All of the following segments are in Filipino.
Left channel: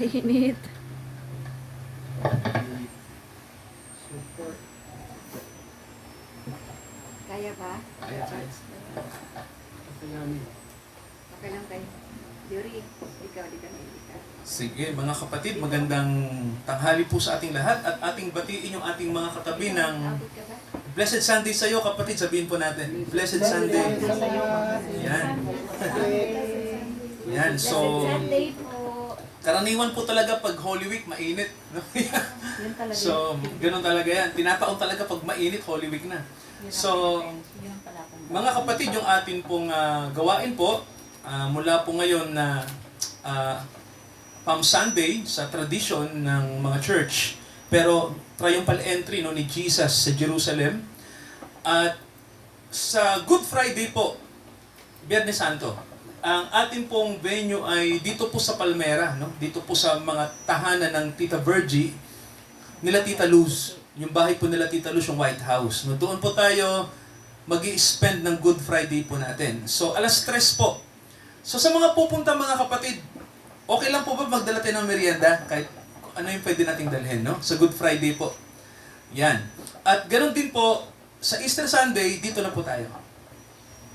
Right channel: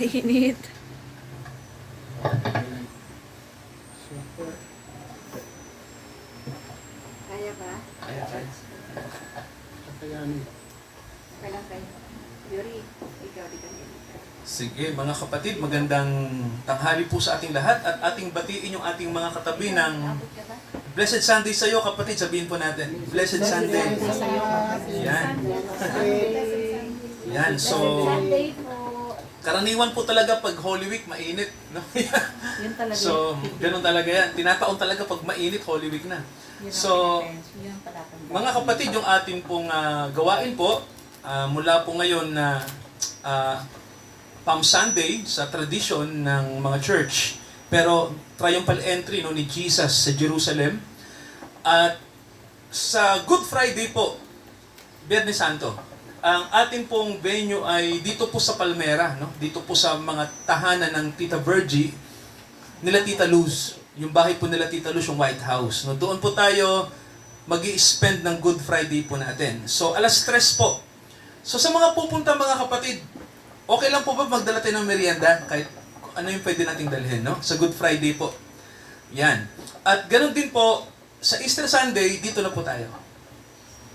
Mainit. Super. Kaya ba? Kaya. Kakayanin. Okay lang tayo. Yuri, ikaw, di ka na. Sige, mga kapatid, magandang tanghali po sa ating lahat at ating batiin yung ating mga katabi ng Abot ka ba? Blessed Sunday sa iyo, kapatid. Sabihin po natin, Blessed Sunday. Yan. Yan, so Sunday po. karaniwan po talaga pag Holy Week, mainit. No? Yun talaga. So, ganun talaga yan. Tinataon talaga pag mainit, Holy Week na. So, mga kapatid, yung atin pong gawain po, mula po ngayon na Palm Sunday sa tradition ng mga church, pero triumphal entry ni Jesus sa Jerusalem, at sa Good Friday po, Biyernes Santo, ang ating pong venue ay dito po sa Palmera, no? Dito po sa mga tahanan ng Tita Virgie, nila Tita Luz, yung bahay po nila Tita Luz, yung White House. No? Doon po tayo mag-i-spend ng Good Friday po natin. So, 3:00 po. So, sa mga pupunta mga kapatid, okay lang po ba magdala tayo ng merienda? Kahit ano yung pwede nating dalhin, no? Sa Good Friday po. Yan. At ganun din po, sa Easter Sunday, dito na po tayo.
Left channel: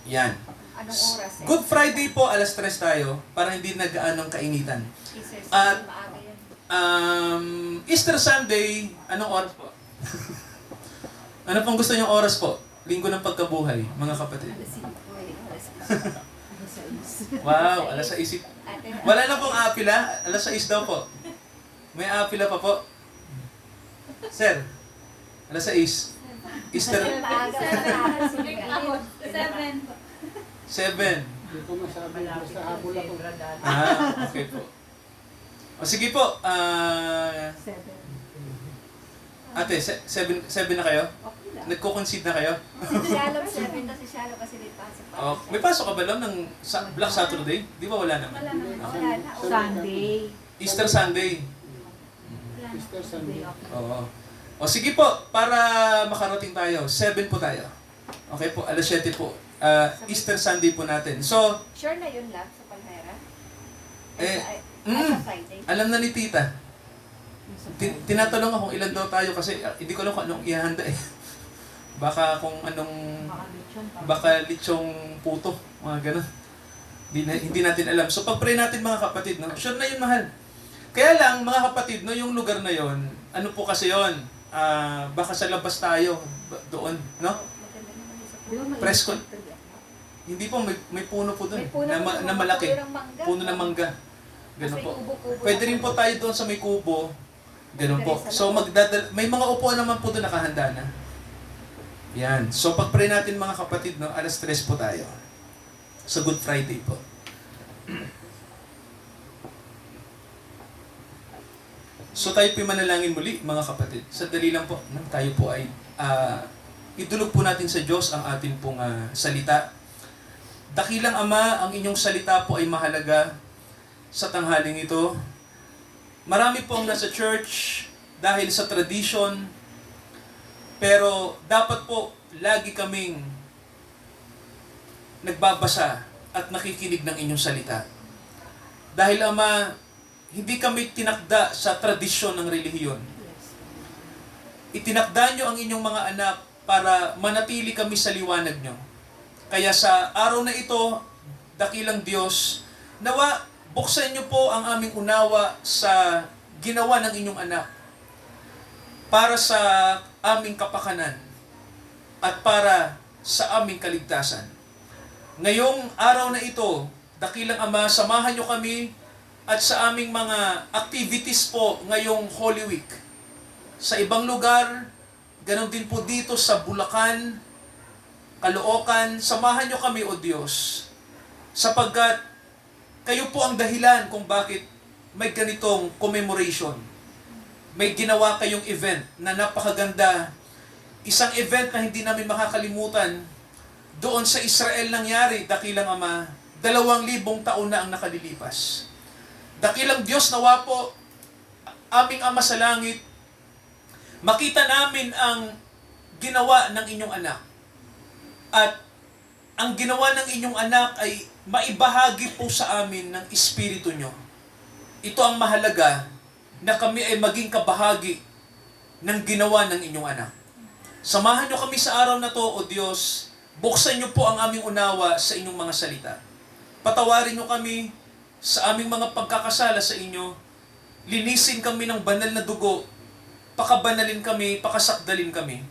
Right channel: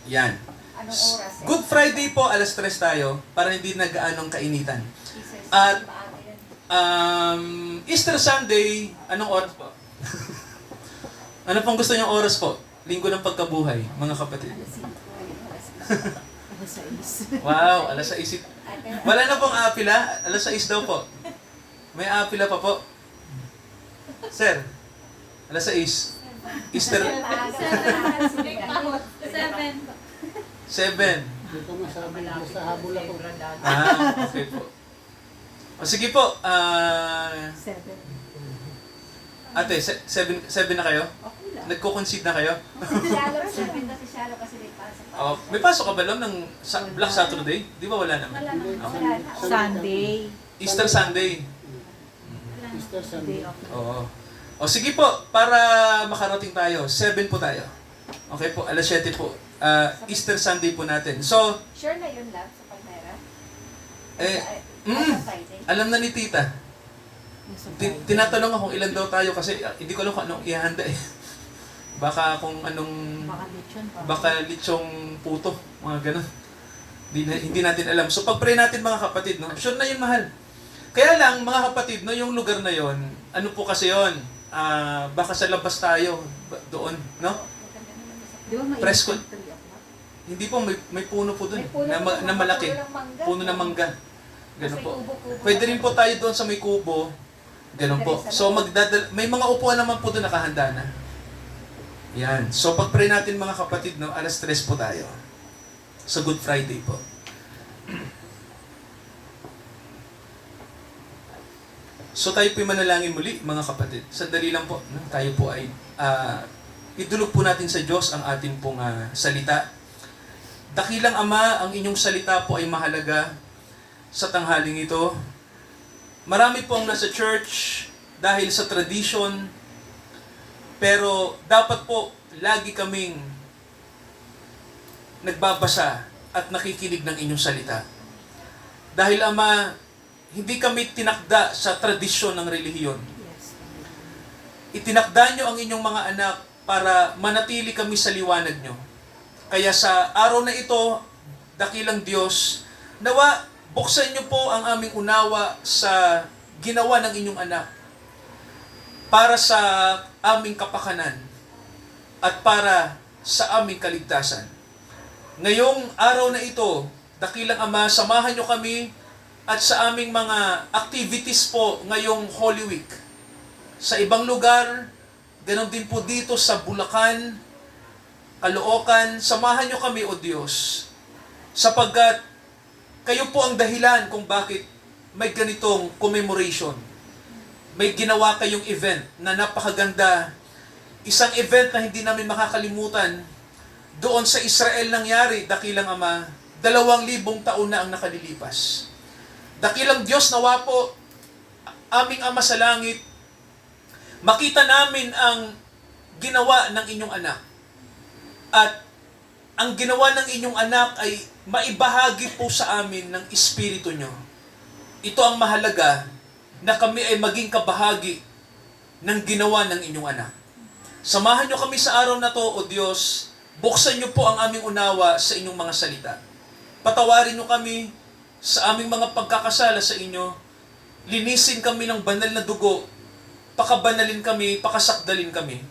Yan. Anong oras eh? Good Friday po, 3:00 tayo, para hindi nag-aanong kainitan. Isis, At maaga yan. Easter Sunday, anong oras po? Ano pong gusto niyong oras po? Linggo ng pagkabuhay, mga kapatid. Alas 5, yun, alas 6. Wow, 6:00. Wala na pong apila, 6:00 daw po. May apila pa po. Sir, 6:00. Easter, 7. Hindi ko masabi. Basta habol ako. Okay po. O sige po, ate, 7 na kayo? Nagko-concede na kayo? Shallow 7 kasi shallow kasi may pasok. May pasok ka ba lang ng Black Saturday? Di ba wala naman? Wala na. Okay. Wala na. Sunday. Easter Sunday. Easter Sunday. Oo. O sige po, para makarating tayo, 7 po tayo. Okay po, 7:00 po. Easter Sunday po natin. So, Sure na yun, love, sa Palmera? Sa Eh, Friday? alam na ni tita. Tinatanong ako kung ilan daw tayo kasi hindi ko alam kung anong ihanda eh. Baka kung anong, baka litsong puto, mga ganun. Hindi natin alam. So pag-pray natin mga kapatid, no? Sure na yun, mahal. Kaya lang, mga kapatid, no, yung lugar na yon, ano po kasi yon, baka sa labas tayo, doon, no? Maganda naman yung sa Presko. Hindi po, may puno po doon, May puno na malaki. Puno ng mangga. Puno ng mangga. Ganun May po. kubo-kubo Pwede na. rin po tayo doon sa may kubo. Ganun po. So may mga upuan naman po doon nakahanda na. Yan. So pag-pray natin mga kapatid, no, 3:00 po tayo. Sa Good Friday po. So tayo po manalangin muli mga kapatid. Sandali lang po. No? Tayo po ay idulog po natin sa Diyos ang ating pong salita. Dakilang Ama, ang inyong salita po ay mahalaga sa tanghaling ito. Marami po ang nasa church dahil sa tradition, pero dapat po lagi kaming nagbabasa at nakikinig ng inyong salita. Dahil Ama, hindi kami tinakda sa tradisyon ng relihiyon. Itinakda nyo ang inyong mga anak para manatili kami sa liwanag nyo. Kaya sa araw na ito, dakilang Diyos, nawa buksan niyo po ang aming unawa sa ginawa ng inyong anak para sa aming kapakanan at para sa aming kaligtasan. Ngayong araw na ito, dakilang Ama, samahan niyo kami at sa aming mga activities po ngayong Holy Week. Sa ibang lugar, ganun din po dito sa Bulacan, Caloocan, samahan niyo kami, O Diyos, sapagkat kayo po ang dahilan kung bakit may ganitong commemoration. May ginawa kayong event na napakaganda. Isang event na hindi namin makakalimutan. Doon sa Israel nangyari, dakilang Ama, 2,000 taon na ang nakalilipas. Dakilang Diyos, nawa po, aming Ama sa langit, makita namin ang ginawa ng inyong anak. At ang ginawa ng inyong anak ay maibahagi po sa amin ng Espiritu nyo. ito ang mahalaga na kami ay maging kabahagi ng ginawa ng inyong anak. Samahan niyo kami sa araw na to, O Diyos. Buksan niyo po ang aming unawa sa inyong mga salita. Patawarin niyo kami sa aming mga pagkakasala sa inyo. Linisin kami ng banal na dugo. Pakabanalin kami, pakasakdalin kami.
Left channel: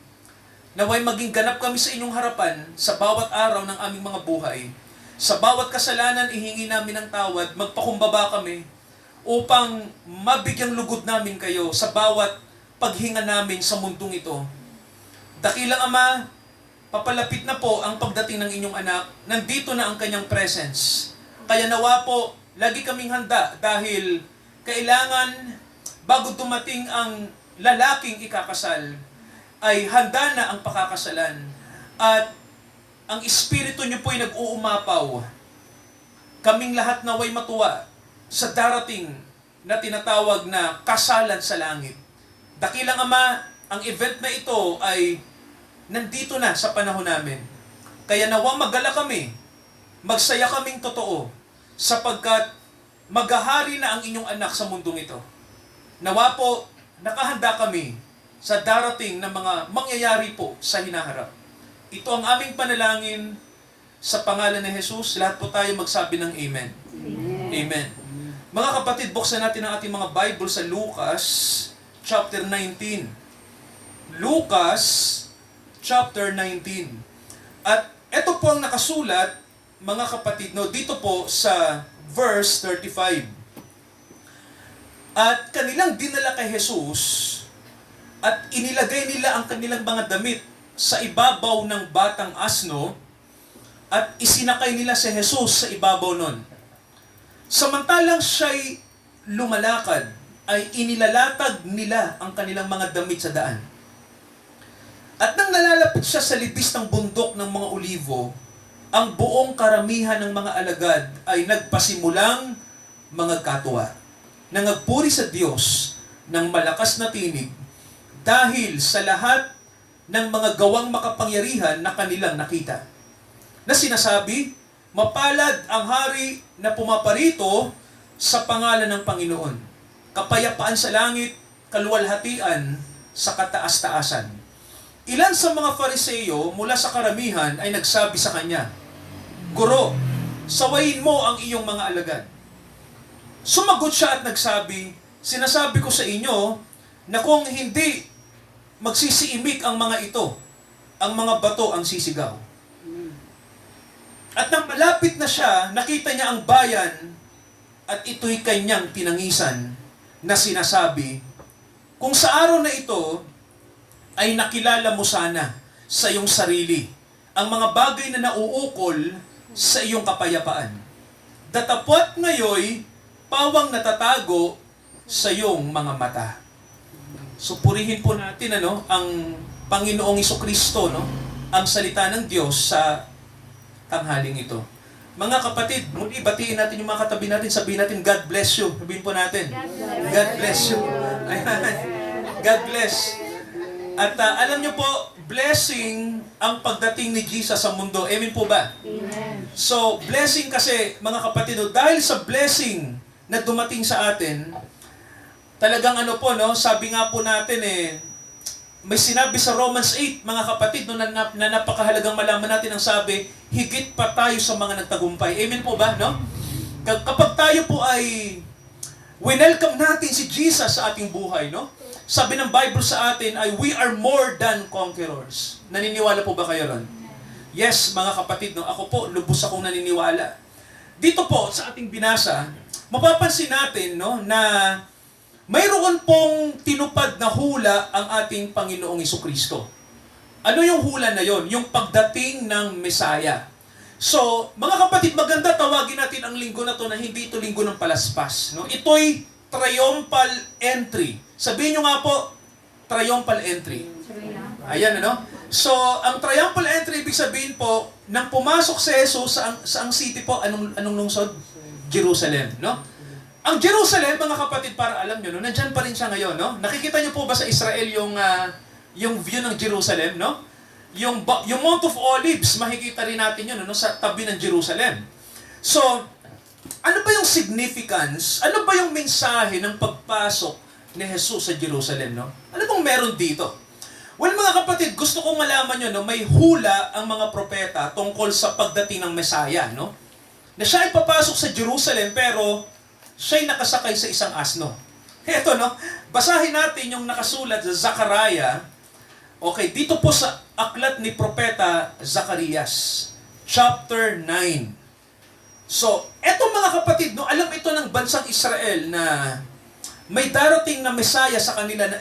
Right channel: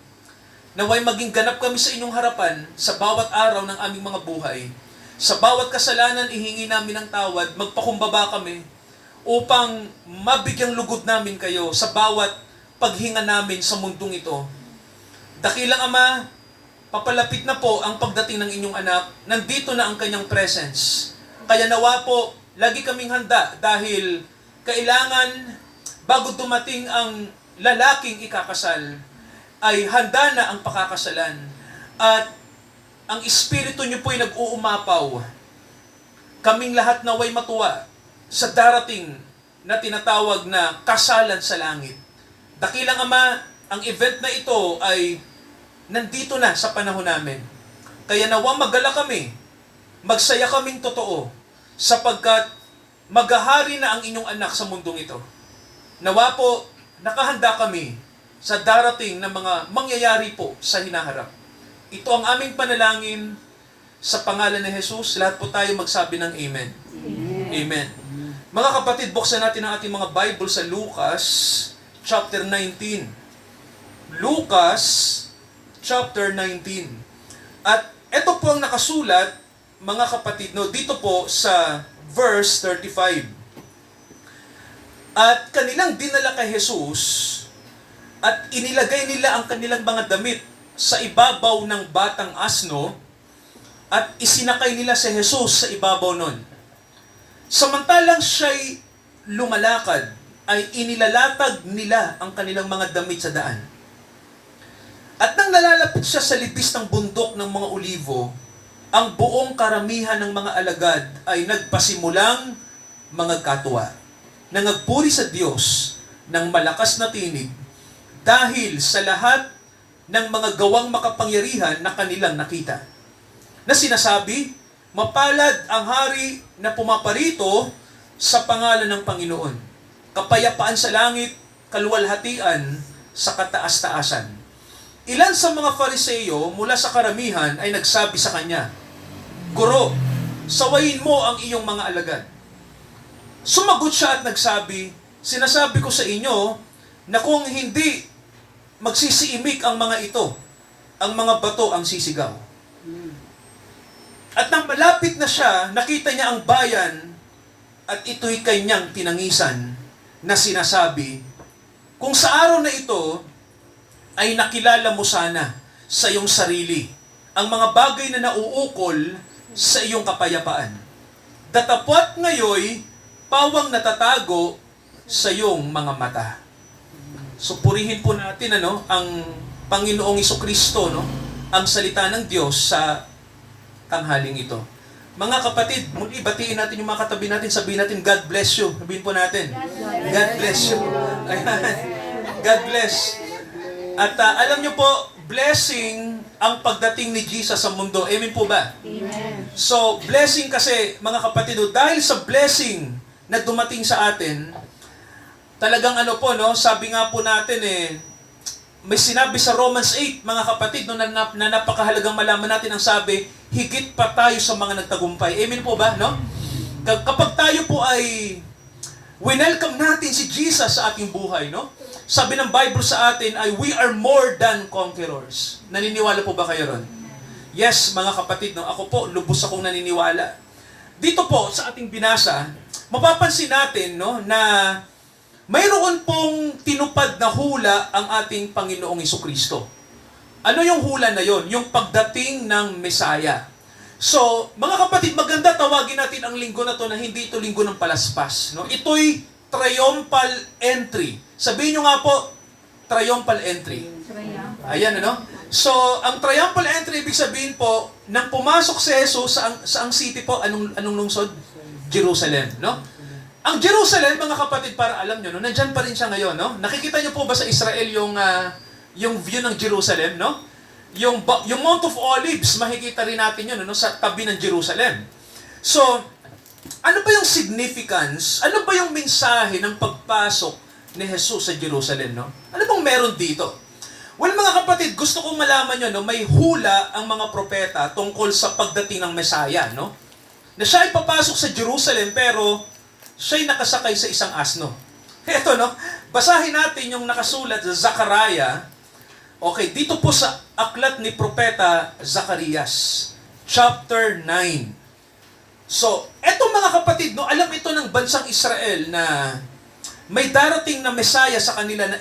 Naway maging ganap kami sa inyong harapan sa bawat araw ng aming mga buhay. Sa bawat kasalanan, ihingi namin ng tawad, magpakumbaba kami upang mabigyang lugod namin kayo sa bawat paghinga namin sa mundong ito. Dakilang Ama, papalapit na po ang pagdating ng inyong anak. Nandito na ang kanyang presence. Kaya nawa po, lagi kaming handa dahil kailangan bago dumating ang lalaking ikakasal, ay handa na ang pakakasalan. At ang Espiritu niyo po'y nag-uumapaw. Kaming lahat naway matuwa sa darating na tinatawag na kasalan sa langit. Dakilang Ama, ang event na ito ay nandito na sa panahon namin. Kaya nawa magala kami, magsaya kaming totoo, sapagkat maghahari na ang inyong anak sa mundong ito. Nawa po, nakahanda kami sa darating na mga mangyayari po sa hinaharap. Ito ang aming panalangin sa pangalan ni Jesus. Lahat po tayo magsabi ng Amen. Amen. Mga kapatid, buksan natin ang ating mga Bible sa Lucas chapter 19. Lucas chapter 19. At ito po ang nakasulat, mga kapatid, dito po sa verse 35. At kanilang dinala kay Jesus at inilagay nila ang kanilang mga damit sa ibabaw ng batang asno at isinakay nila si Jesus sa ibabaw nun. Samantalang siya'y lumalakad, ay inilalatag nila ang kanilang mga damit sa daan. At nang nalalapit siya sa libis ng bundok ng mga olivo, ang buong karamihan ng mga alagad ay nagpasimulang mga katuwa, nangagpuri sa Diyos ng malakas na tinig dahil sa lahat ng mga gawang makapangyarihan na kanilang nakita. Na sinasabi, mapalad ang hari na pumaparito sa pangalan ng Panginoon. Kapayapaan sa langit, kaluwalhatian sa kataas-taasan. Ilan sa mga Fariseo mula sa karamihan ay nagsabi sa kanya, Guro, sawayin mo ang iyong mga alagad. Sumagot siya at nagsabi, sinasabi ko sa inyo na kung hindi magsisiimik ang mga ito, ang mga bato ang sisigaw. At nang malapit na siya, nakita niya ang bayan at ito'y kanyang tinangisan na sinasabi, kung sa araw na ito ay nakilala mo sana sa iyong sarili ang mga bagay na nauukol sa iyong kapayapaan. Datapwat ngayoy pawang natatago sa iyong mga mata. So purihin po natin ang Panginoong Jesucristo, ang salita ng Diyos sa tanghaling ito. Mga kapatid, muli batiin natin yung mga katabi natin, sabihin natin, God bless you. Sabihin po natin, God bless you. Ayan. God bless. At alam niyo po, blessing ang pagdating ni Jesus sa mundo. Amen po ba? Amen. So, blessing kasi, mga kapatid, dahil sa blessing na dumating sa atin, talagang sabi nga po natin may sinabi sa Romans 8, mga kapatid, na napakahalagang malaman natin ang sabi, higit pa tayo sa mga nagtagumpay. Amen po ba, no? Kapag tayo po ay welcome natin si Jesus sa ating buhay, no? Sabi ng Bible sa atin ay we are more than conquerors. Naniniwala po ba kayo ron? Yes, mga kapatid, ako po, lubos akong naniniwala. Dito po, sa ating binasa, mapapansin natin na mayroon pong tinupad na hula ang ating Panginoong Jesucristo. Ano yung hula na yon? Yung pagdating ng Mesaya. So, mga kapatid, maganda tawagin natin ang linggo na to na hindi ito linggo ng palaspas. Ito'y triumphal entry. Sabihin nyo nga po, triumphal entry. Ayan, So, ang triumphal entry, ibig sabihin po, nang pumasok si Jesus sa ang city po, anong lungsod? Jerusalem, Ang Jerusalem, mga kapatid, para alam nyo, nandyan pa rin siya ngayon, Nakikita nyo po ba sa Israel yung view ng Jerusalem, Yung Mount of Olives, makikita rin natin yun, sa tabi ng Jerusalem. So, ano ba yung significance, ano ba yung mensahe ng pagpasok ni Jesus sa Jerusalem, no? Ano bang meron dito? Well, mga kapatid, gusto kong malaman nyo, no, may hula ang mga propeta tungkol sa pagdating ng Mesaya, no? Na siya ay papasok sa Jerusalem, pero siya'y nakasakay sa isang asno. Eto, no? Basahin natin yung nakasulat sa Zechariah. Okay, dito po sa aklat ni Propeta Zacarias, chapter 9. So, eto mga kapatid, no, alam ito ng bansang Israel na may darating na Mesaya sa kanila na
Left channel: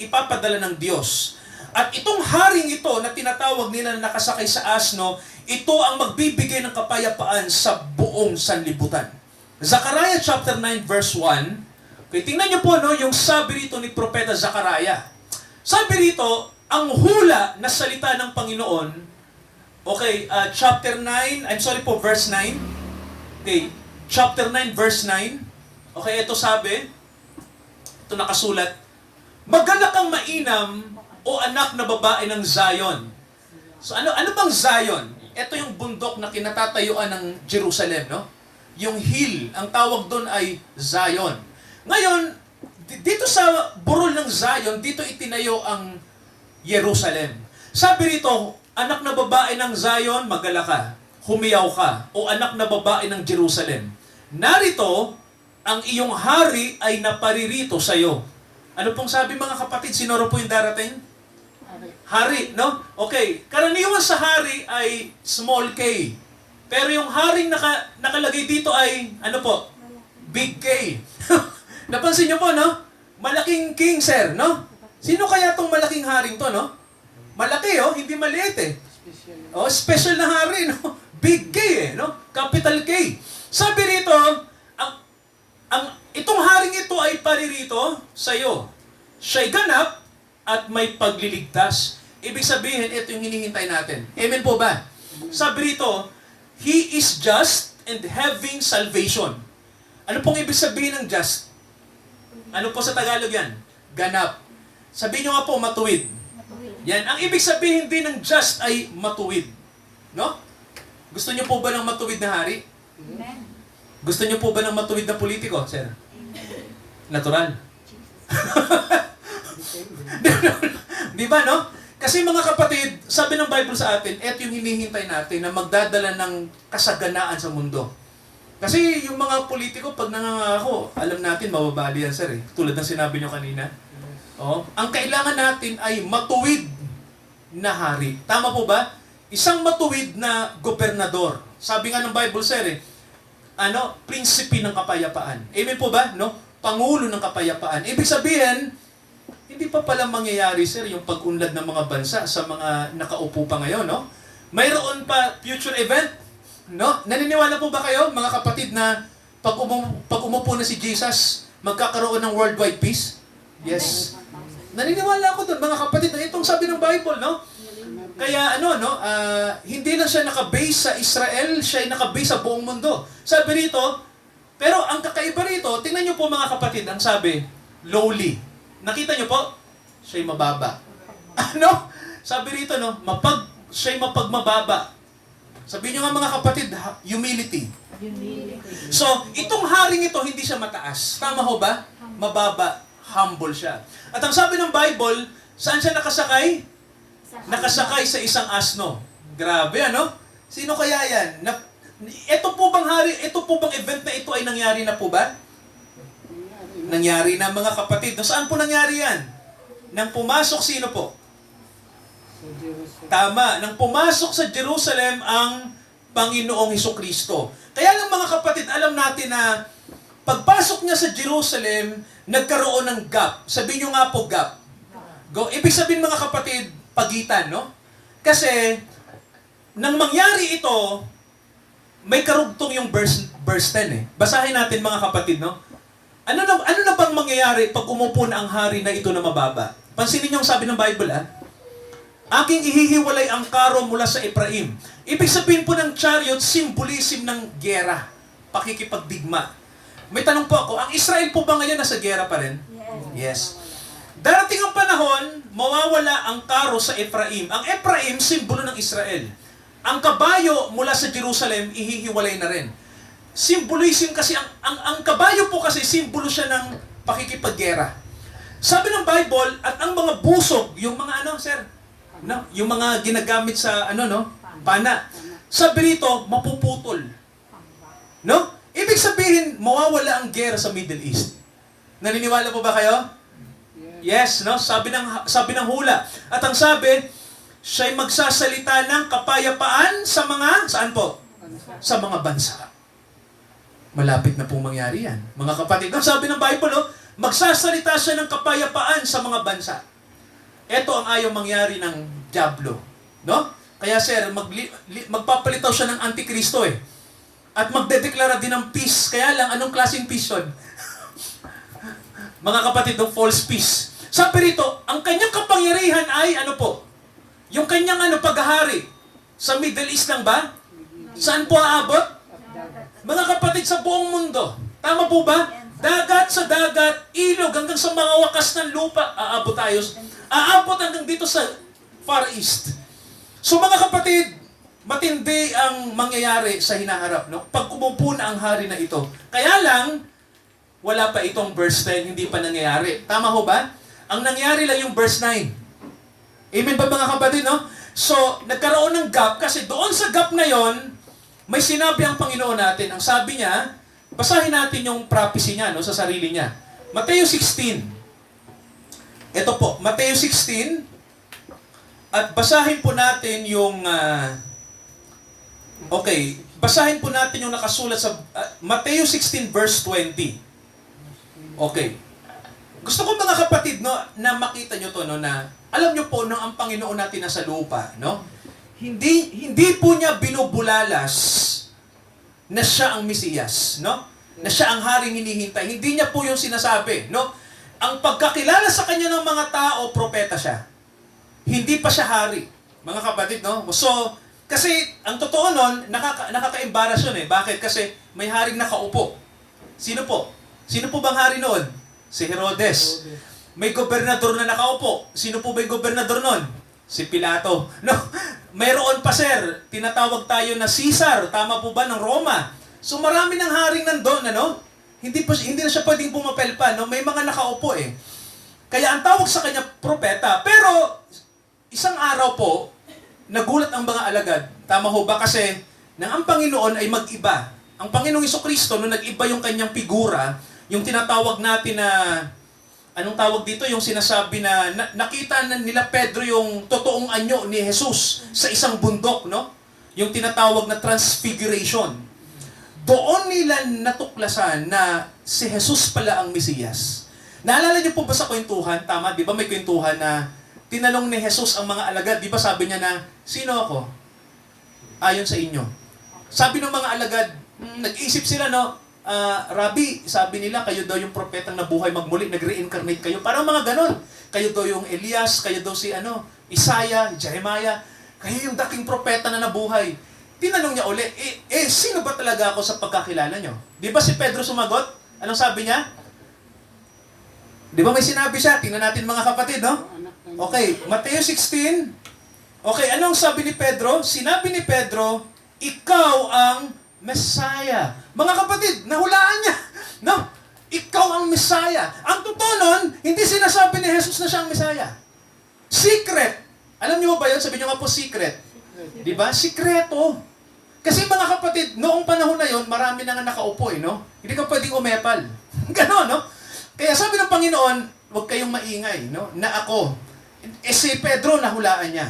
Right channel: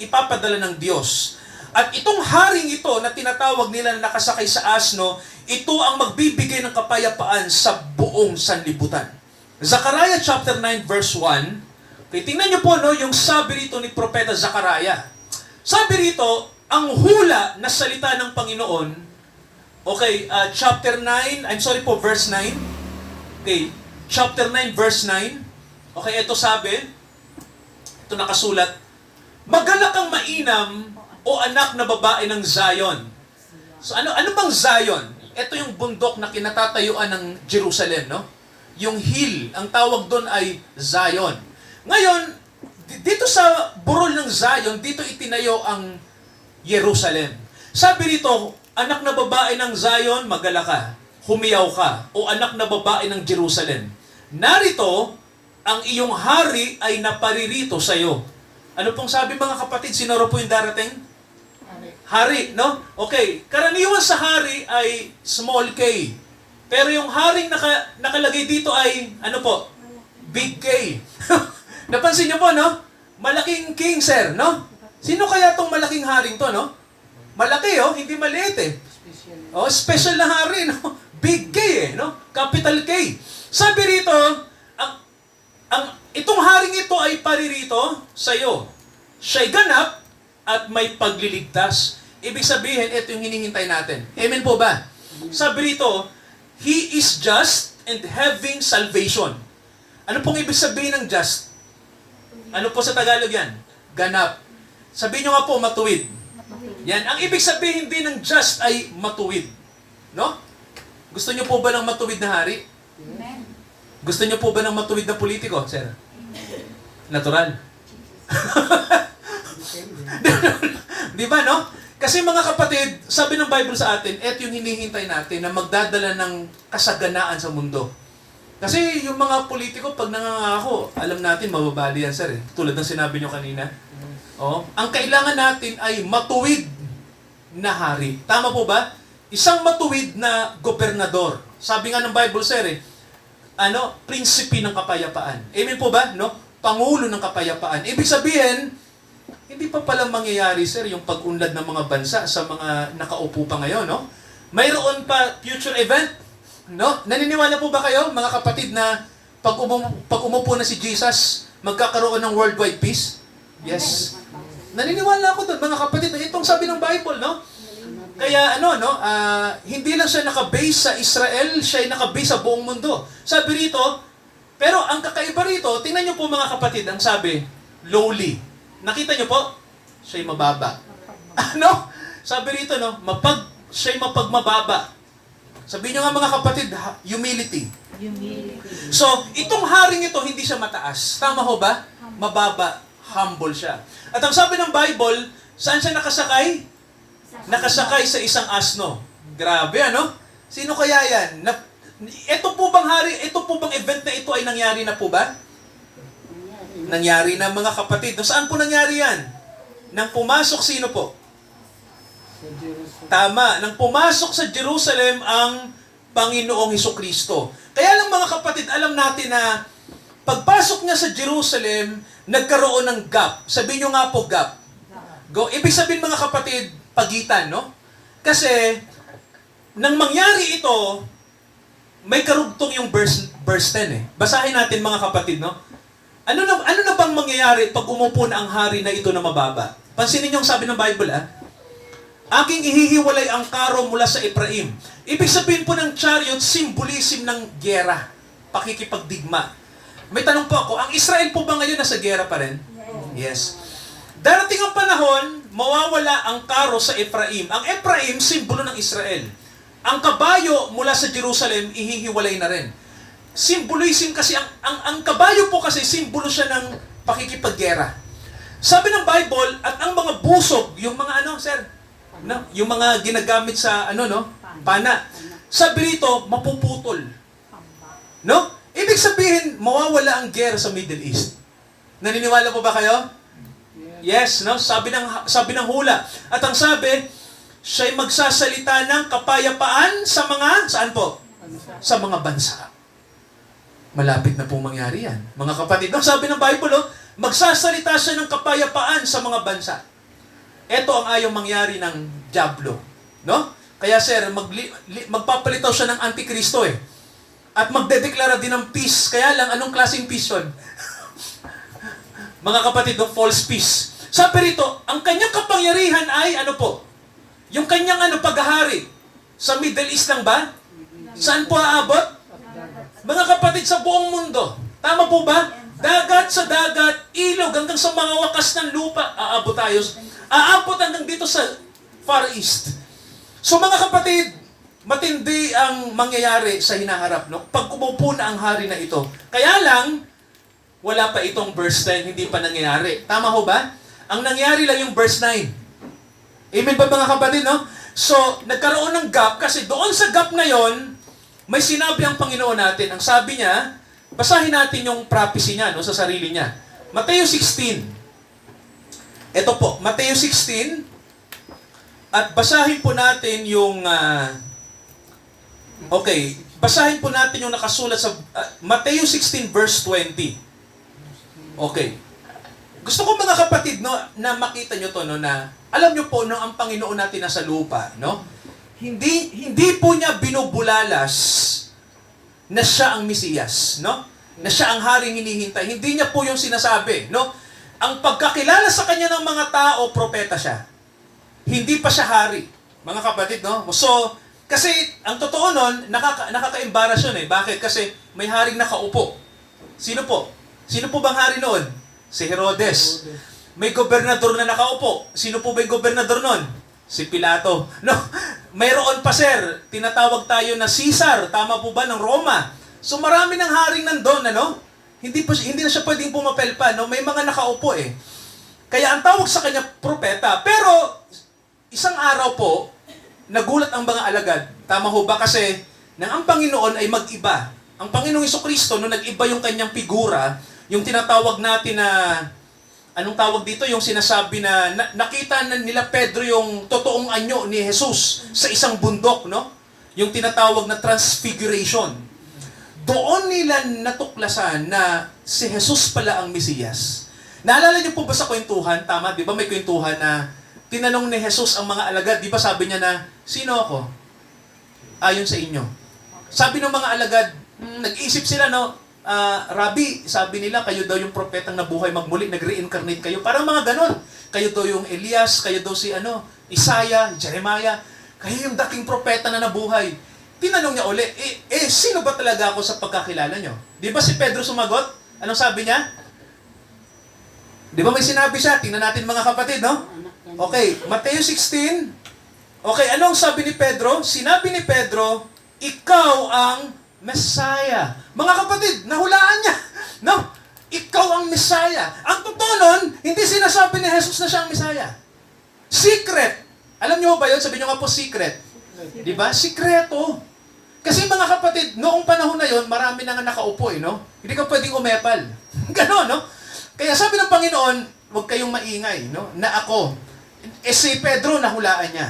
ipapadala ng Diyos. At itong haring ito na tinatawag nila na nakasakay sa asno, ito ang magbibigay ng kapayapaan sa buong sanlibutan. Zechariah chapter 9 verse 1. Okay, tingnan niyo po, no, yung sabi rito ni Propeta Zechariah. Sabi rito, ang hula na salita ng Panginoon, okay, chapter 9, I'm sorry po, verse 9. Okay, chapter 9 verse 9. Okay, ito sabi, ito nakasulat, "Magalak kang mainam, o anak na babae ng Zion." So ano bang Zion? Ito yung bundok na kinatatayuan ng Jerusalem, no? Yung hill, ang tawag doon ay Zion. Ngayon, dito sa burol ng Zion, dito itinayo ang Jerusalem. Sabi rito, "Anak na babae ng Zion, magalak ka, humiyaw ka, o anak na babae ng Jerusalem. Narito, ang iyong hari ay naparirito sa iyo." Ano pong sabi mga kapatid? Sino po yung darating? Hari, no? Okay, karaniwan sa hari ay small k. Pero yung haring nakalagay dito ay, ano po? Big K. Napansin niyo po, no? Malaking king, sir, no? Sino kaya tong malaking haring to, no? Malaki, oh, hindi maliit eh. Oh, special na hari, no? Big K eh, no? Capital K. Sabi rito, itong haring ito ay paririto sa iyo. Siya'y ganap at may pagliligtas. Ibig sabihin, ito yung hinihintay natin. Amen po ba? Sabi rito, He is just and having salvation. Ano pong ibig sabihin ng just? Ano po sa Tagalog yan? Ganap. Sabihin nyo nga po, matuwid. Yan. Ang ibig sabihin din ng just ay matuwid. No? Gusto nyo po ba ng matuwid na hari? Amen. Gusto nyo po ba ng matuwid na politiko, sir? Natural. Di ba, no? Kasi mga kapatid, sabi ng Bible sa atin, eto yung hinihintay natin na magdadala ng kasaganaan sa mundo. Kasi yung mga politiko, pag nangangako, alam natin, mababali yan, sir. Eh. Tulad ng sinabi nyo kanina. Oh, ang kailangan natin ay matuwid na hari. Tama po ba? Isang matuwid na gobernador. Sabi nga ng Bible, sir, prinsipe ng kapayapaan. Amen po ba? No? Pangulo ng kapayapaan. Ibig sabihin, hindi pa pala mangyayari, sir, yung pag-unlad ng mga bansa sa mga nakaupo pa ngayon, no? Mayroon pa future event, no? Naniniwala po ba kayo, mga kapatid, na pag umupo na si Jesus, magkakaroon ng worldwide peace? Yes. Naniniwala ako doon, mga kapatid, na itong sabi ng Bible, no? Kaya hindi lang siya naka-base sa Israel, siya ay naka-base sa buong mundo. Sabi rito, pero ang kakaiba rito, tingnan niyo po mga kapatid, ang sabi, lowly. Nakita niyo po? Siya'y mababa. Ano? Sabi rito, no? Siya'y mapagmababa. Sabi niyo nga mga kapatid, humility. So, itong haring ito, hindi siya mataas. Tama ho ba? Mababa. Humble siya. At ang sabi ng Bible, saan siya nakasakay? Nakasakay sa isang asno. Grabe, ano? Sino kaya yan? Ito po bang event na ito ay nangyari na po ba? Nangyari na mga kapatid. Saan po nangyari yan? Nang pumasok sino po? Tama. Nang pumasok sa Jerusalem ang Panginoong Hesukristo. Kaya lang mga kapatid, alam natin na pagpasok niya sa Jerusalem, nagkaroon ng gap. Sabihin nyo nga po gap. Ibig sabihin mga kapatid, pagitan, no? Kasi, nang mangyari ito, may karugtong yung verse 10 eh. Basahin natin mga kapatid, no? Ano na bang mangyayari pag umupo na ang hari na ito na mababa? Pansinin niyo ang sabi ng Bible, "Aking ihihiwalay ang karo mula sa Ephraim." Ibig sabihin po ng chariot, symbolism ng gera, pakikipagdigma. May tanong po ako, ang Israel po ba ngayon nasa gera pa rin? Yes. Darating ang panahon, mawawala ang karo sa Ephraim. Ang Ephraim, simbolo ng Israel. Ang kabayo mula sa Jerusalem, ihihiwalay na rin. symbolism kasi, ang kabayo po kasi, simbolo siya ng pakikipaggera. Sabi ng Bible, at ang mga busog, yung mga ano, sir? No? Yung mga ginagamit sa, ano, no? Pana. Sabi rito, mapuputol. No? Ibig sabihin, mawawala ang gera sa Middle East. Naniniwala po ba kayo? Yes, no? Sabi ng hula. At ang sabi, siya'y magsasalita ng kapayapaan sa mga, saan po? Sa mga bansa. Malapit na pong mangyari yan. Mga kapatid, no? Sabi ng Bible, no? Magsasalita siya ng kapayapaan sa mga bansa. Ito ang ayaw mangyari ng dyablo. No? Kaya sir, magpapalitaw siya ng Antikristo eh. At magdedeklara din ng peace. Kaya lang, anong klaseng peace yun? Mga kapatid, no? False peace. Sabi rito, ang kanyang kapangyarihan ay ano po? Yung kanyang paghahari. Sa Middle East lang ba? Saan po aabot? Mga kapatid, sa buong mundo. Tama po ba? Dagat sa dagat, ilog, hanggang sa mga wakas ng lupa, aabot tayo. Aabot hanggang dito sa Far East. So mga kapatid, matindi ang mangyayari sa hinaharap. No? Pag umupo na ang hari na ito. Kaya lang, wala pa itong verse 10, hindi pa nangyayari. Tama ho ba? Ang nangyari lang yung verse 9. Amen ba mga kapatid? No? So, nagkaroon ng gap kasi doon sa gap na yon, may sinabi ang Panginoon natin. Ang sabi niya, basahin natin yung prophecy niya, no, sa sarili niya. Mateo 16. Ito po, Mateo 16. At basahin po natin yung... basahin po natin yung nakasulat sa Mateo 16 verse 20. Okay. Gusto ko mga kapatid, no, na makita nyo to, no, na alam nyo po, no, ang Panginoon natin nasa lupa, no? Hindi po niya binubulalas na siya ang Mesiyas, no? Na siya ang haring hinihintay. Hindi niya po yung sinasabi, no? Ang pagkakilala sa kanya ng mga tao, propeta siya. Hindi pa siya hari. Mga kapatid, no? So, kasi ang totoo nun, nakaka-embarrass yun eh. Bakit? Kasi may haring nakaupo. Sino po? Sino po bang hari noon? Si Herodes. May gobernador na nakaupo. Sino po ba yung gobernador noon? Si Pilato. No? Mayroon pa sir, tinatawag tayo na Caesar, tama po ba, ng Roma. So marami ng haring nandun, ano? Hindi na siya pwedeng pumapel pa, no? May mga nakaupo eh. Kaya ang tawag sa kanya propeta. Pero isang araw po, nagulat ang mga alagad. Tama ho ba? Kasi nang ang Panginoon ay mag-iba. Ang Panginoong Jesucristo, nung nag-iba yung kanyang figura, yung tinatawag natin na anong tawag dito? Yung sinasabi na nakita na nila Pedro yung totoong anyo ni Jesus sa isang bundok, no? Yung tinatawag na transfiguration. Doon nila natuklasan na si Jesus pala ang Mesiyas. Naalala niyo po ba sa kwentuhan? Tama, di ba may kwentuhan na tinanong ni Jesus ang mga alagad, di ba sabi niya na, sino ako? Ayon sa inyo. Sabi ng mga alagad, nag-iisip sila, no? Rabbi, sabi nila, kayo daw yung propetang nabuhay magmuli, nag-reincarnate kayo. Parang mga ganon. Kayo daw yung Elias, kayo daw si Isaiah, Jeremiah. Kayo yung dating propeta na nabuhay. Tinanong niya uli, sino ba talaga ako sa pagkakilala nyo? Di ba si Pedro sumagot? Anong sabi niya? Di ba may sinabi siya? Tingnan natin mga kapatid, no? Okay, Mateo 16. Okay, anong sabi ni Pedro? Sinabi ni Pedro, ikaw ang Messiah. Mga kapatid, nahulaan niya. No? Ikaw ang Messiah. Ang totoo nun, hindi sinasabi ni Jesus na siya ang Messiah. Secret. Alam niyo ba yun? Sabi niyo nga po secret. Di ba? Sikreto. Kasi mga kapatid, noong panahon na yon, marami na nga nakaupo, no? Hindi ka pwedeng umepal. Ganon, no? Kaya sabi ng Panginoon, huwag kayong maingay, no? Na ako. Si Pedro, nahulaan niya.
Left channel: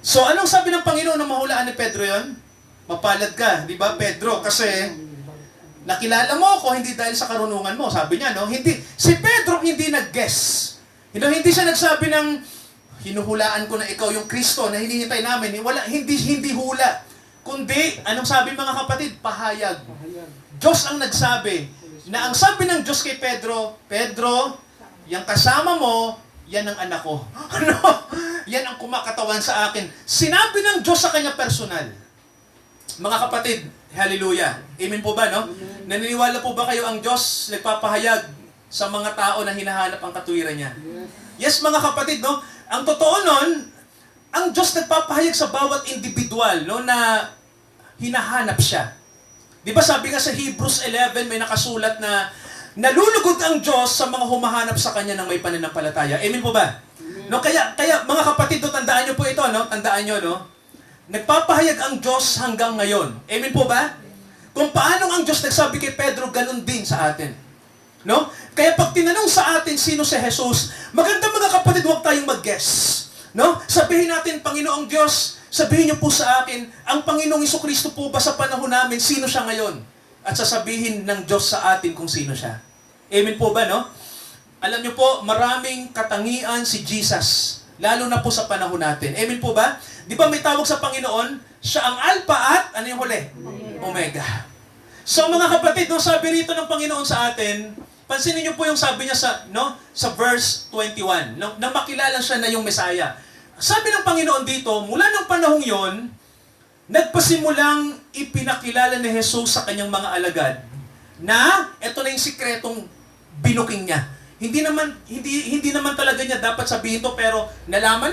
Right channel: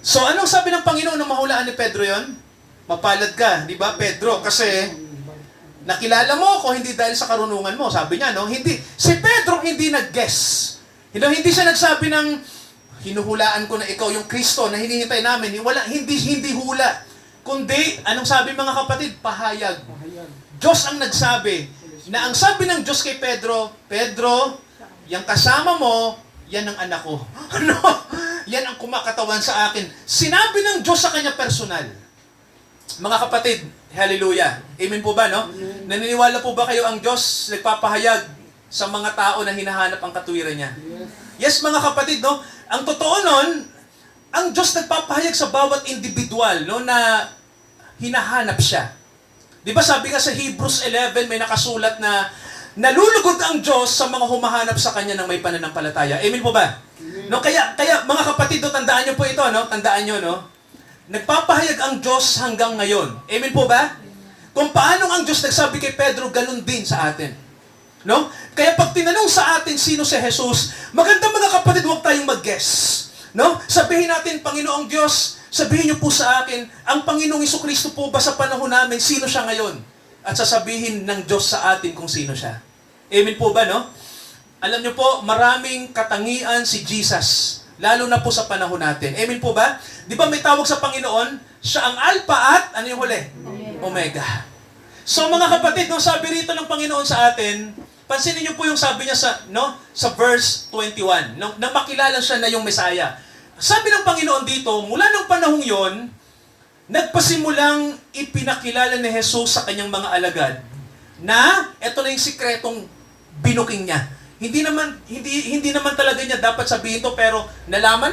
So, anong sabi ng Panginoon na mahulaan ni Pedro yon? Mapalad ka, di ba, Pedro? Kasi nakilala mo ako hindi dahil sa karunungan mo. Sabi niya, no? Hindi. Si Pedro hindi nag-guess. Hindi siya nagsabi ng hinuhulaan ko na ikaw yung Kristo na hinihintay namin. Hindi hula. Kundi, anong sabi mga kapatid? Pahayag. Diyos ang nagsabi. Na ang sabi ng Diyos kay Pedro, Pedro, yung kasama mo, yan ang anak ko. Ano? Yan ang kumakatawan sa akin. Sinabi ng Diyos sa kanya personal. Mga kapatid, hallelujah. Amen po ba, no? Naniniwala po ba kayo ang Diyos nagpapahayag sa mga tao na hinahanap ang katuwiran niya? Yes, mga kapatid, no? Ang totoo nun, ang Diyos nagpapahayag sa bawat individual, no, na hinahanap siya. Di ba sabi nga sa Hebrews 11, may nakasulat na nalulugod ang Diyos sa mga humahanap sa Kanya ng may pananampalataya. Amen po ba? No, kaya mga kapatid, no, tandaan niyo po ito, no? Tandaan niyo, no? Nagpapahayag ang Diyos hanggang ngayon. Amen po ba? Kung paano ang Diyos nagsabi kay Pedro, ganun din sa atin. No? Kaya pag tinanong sa atin sino si Jesus, maganda mga kapatid, huwag tayong mag-guess. No? Sabihin natin, Panginoong Diyos, sabihin niyo po sa akin, ang Panginoong Jesucristo po ba sa panahon namin, sino siya ngayon? At sasabihin ng Diyos sa atin kung sino siya. Amen po ba, no? Alam niyo po, maraming katangian si Jesus, lalo na po sa panahon natin. Amen po ba? Di ba may tawag sa Panginoon, siya ang Alpha at, ano yung huli? Omega. So mga kapatid, no, sabi rito ng Panginoon sa atin, pansinin niyo po yung sabi niya sa verse 21, nang makilala siya na yung Messiah. Sabi ng Panginoon dito, mula ng panahong yon, nagpasimulang ipinakilala ni Jesus sa kanyang mga alagad na ito na yung sikretong binuking niya. Hindi naman talaga niya dapat sabihin to, pero nalaman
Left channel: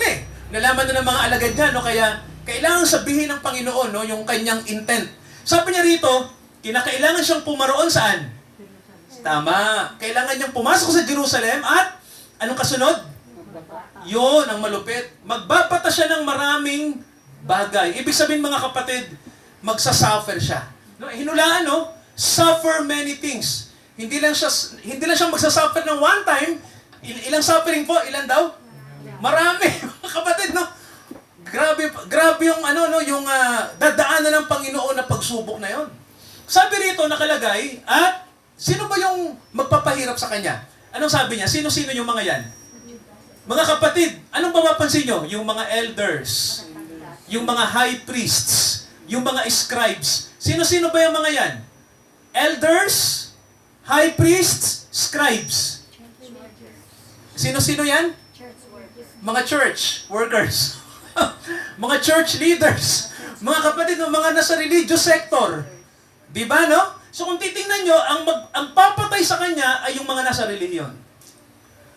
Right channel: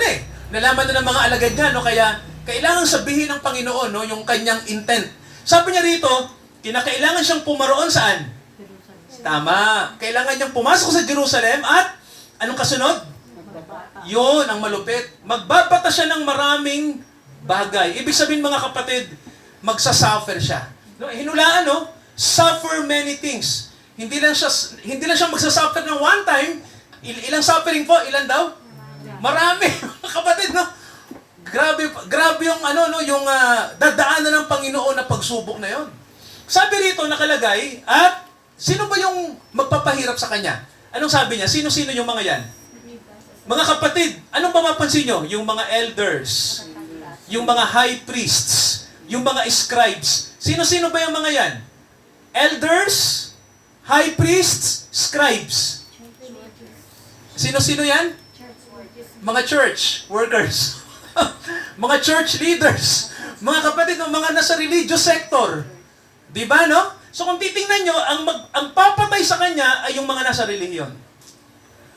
Nalaman na ng mga alagad niya, no? Kaya kailangan sabihin ng Panginoon, no, yung kanyang intent. Sabi niya rito, kinakailangan siyang pumaroon saan? Tama. Kailangan niyang pumasok sa Jerusalem at anong kasunod? Yun ang malupit. Magbabata siya ng maraming bagay. Ibig sabihin mga kapatid, magsasuffer siya. No, hinulaan, no? Suffer many things. Hindi lang siya magsasuffer ng one time. Ilang suffering po? Ilan daw? Marami. Mga kapatid, no? Grabe yung dadaanan ng Panginoon na pagsubok na yon. Sabi rito nakalagay, at sino ba yung magpapahirap sa kanya? Anong sabi niya? Sino-sino yung mga yan? Mga kapatid, anong mapapansin nyo? Yung mga elders, yung mga high priests, yung mga scribes. Sino-sino ba yung mga yan? Elders, high priests, scribes. Sino-sino yan? Mga church workers. Mga church leaders. Mga kapatid, mga nasa religious sector. Di ba, no? So kung titingnan nyo, ang papatay sa kanya ay yung mga nasa relihiyon.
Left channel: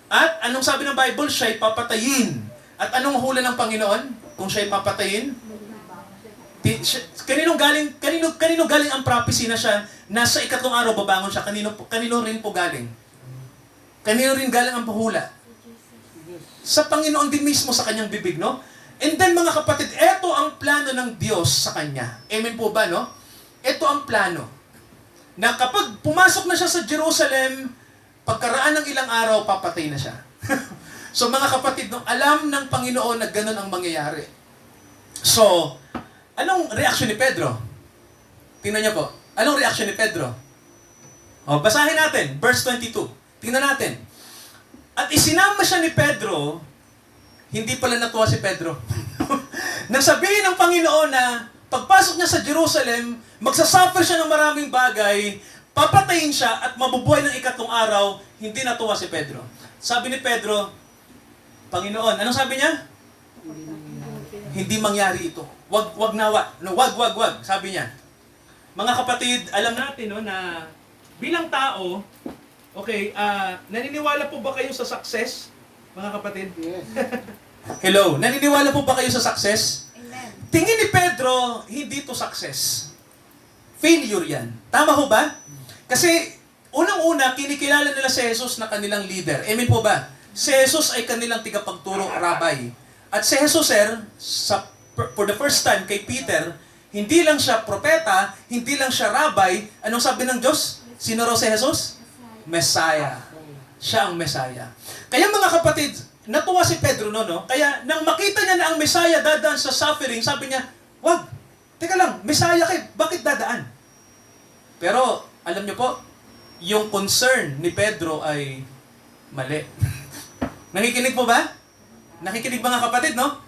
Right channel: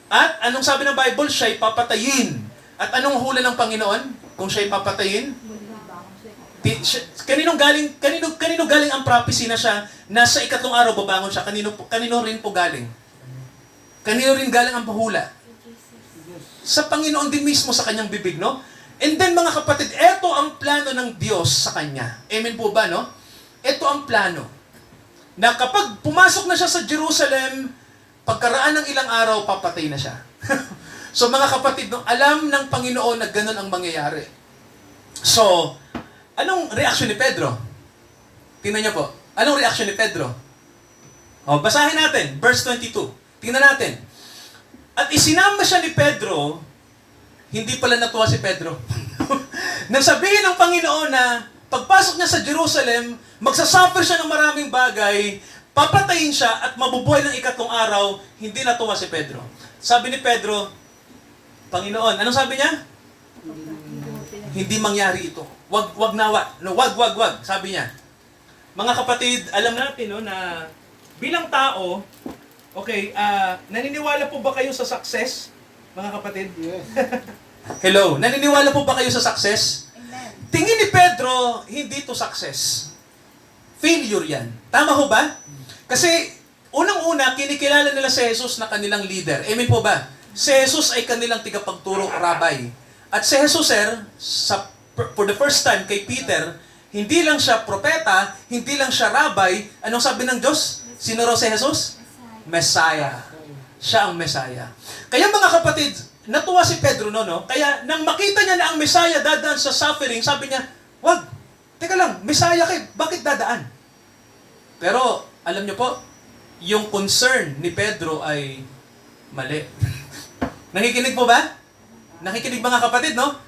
At anong sabi ng Bible? Siya'y papatayin. At anong hula ng Panginoon? Kung siya'y papatayin? Kanino galing ang prophecy na siya nasa ikatlong araw babangon siya? Kanino rin po galing? Kanino rin galing ang pahula? Sa Panginoon din mismo sa kanyang bibig, no? And then mga kapatid, eto ang plano ng Diyos sa kanya. Amen po ba, no? Eto ang plano. Na kapag pumasok na siya sa Jerusalem, pagkaraan ng ilang araw, papatay na siya. So mga kapatid, no, alam ng Panginoon na ganun ang mangyayari. So, anong reaction ni Pedro? Tingnan niyo po. Anong reaction ni Pedro? O, basahin natin, verse 22. Tingnan natin. At isinama siya ni Pedro, hindi pala natuwa si Pedro. Nang sabihin ng Panginoon na pagpasok niya sa Jerusalem, magsasuffer siya ng maraming bagay, papatayin siya at mabubuhay ng ikatlong araw, hindi natuwa si Pedro. Sabi ni Pedro, Panginoon, anong sabi niya? Hindi mangyari ito. Wag nawa. No, wag. Sabi niya. Mga kapatid, alam natin no, na bilang tao, okay, naniniwala po ba kayo sa success? Mga kapatid? Yes. Hello, naniniwala po ba kayo sa success? Amen. Tingin ni Pedro, hindi to success. Failure yan. Tama ho ba? Kasi, unang-una, kinikilala nila si Jesus na kanilang leader. Amen po ba? Si Jesus ay kanilang tigapagturo, rabbi. At si Jesus, sir, for the first time kay Peter, hindi lang siya propeta, hindi lang siya rabbi. Anong sabi ng Diyos? Sino raw si Jesus? Messiah. Siya ang Messiah. Kaya mga kapatid, natuwa si Pedro no? Kaya nang makita niya na ang Messiah dadaan sa suffering, sabi niya, wag, teka lang, Messiah kayo, bakit dadaan? Pero, alam niyo po, yung concern ni Pedro ay mali. Nakikinig po ba? Nakikinig mga kapatid, no?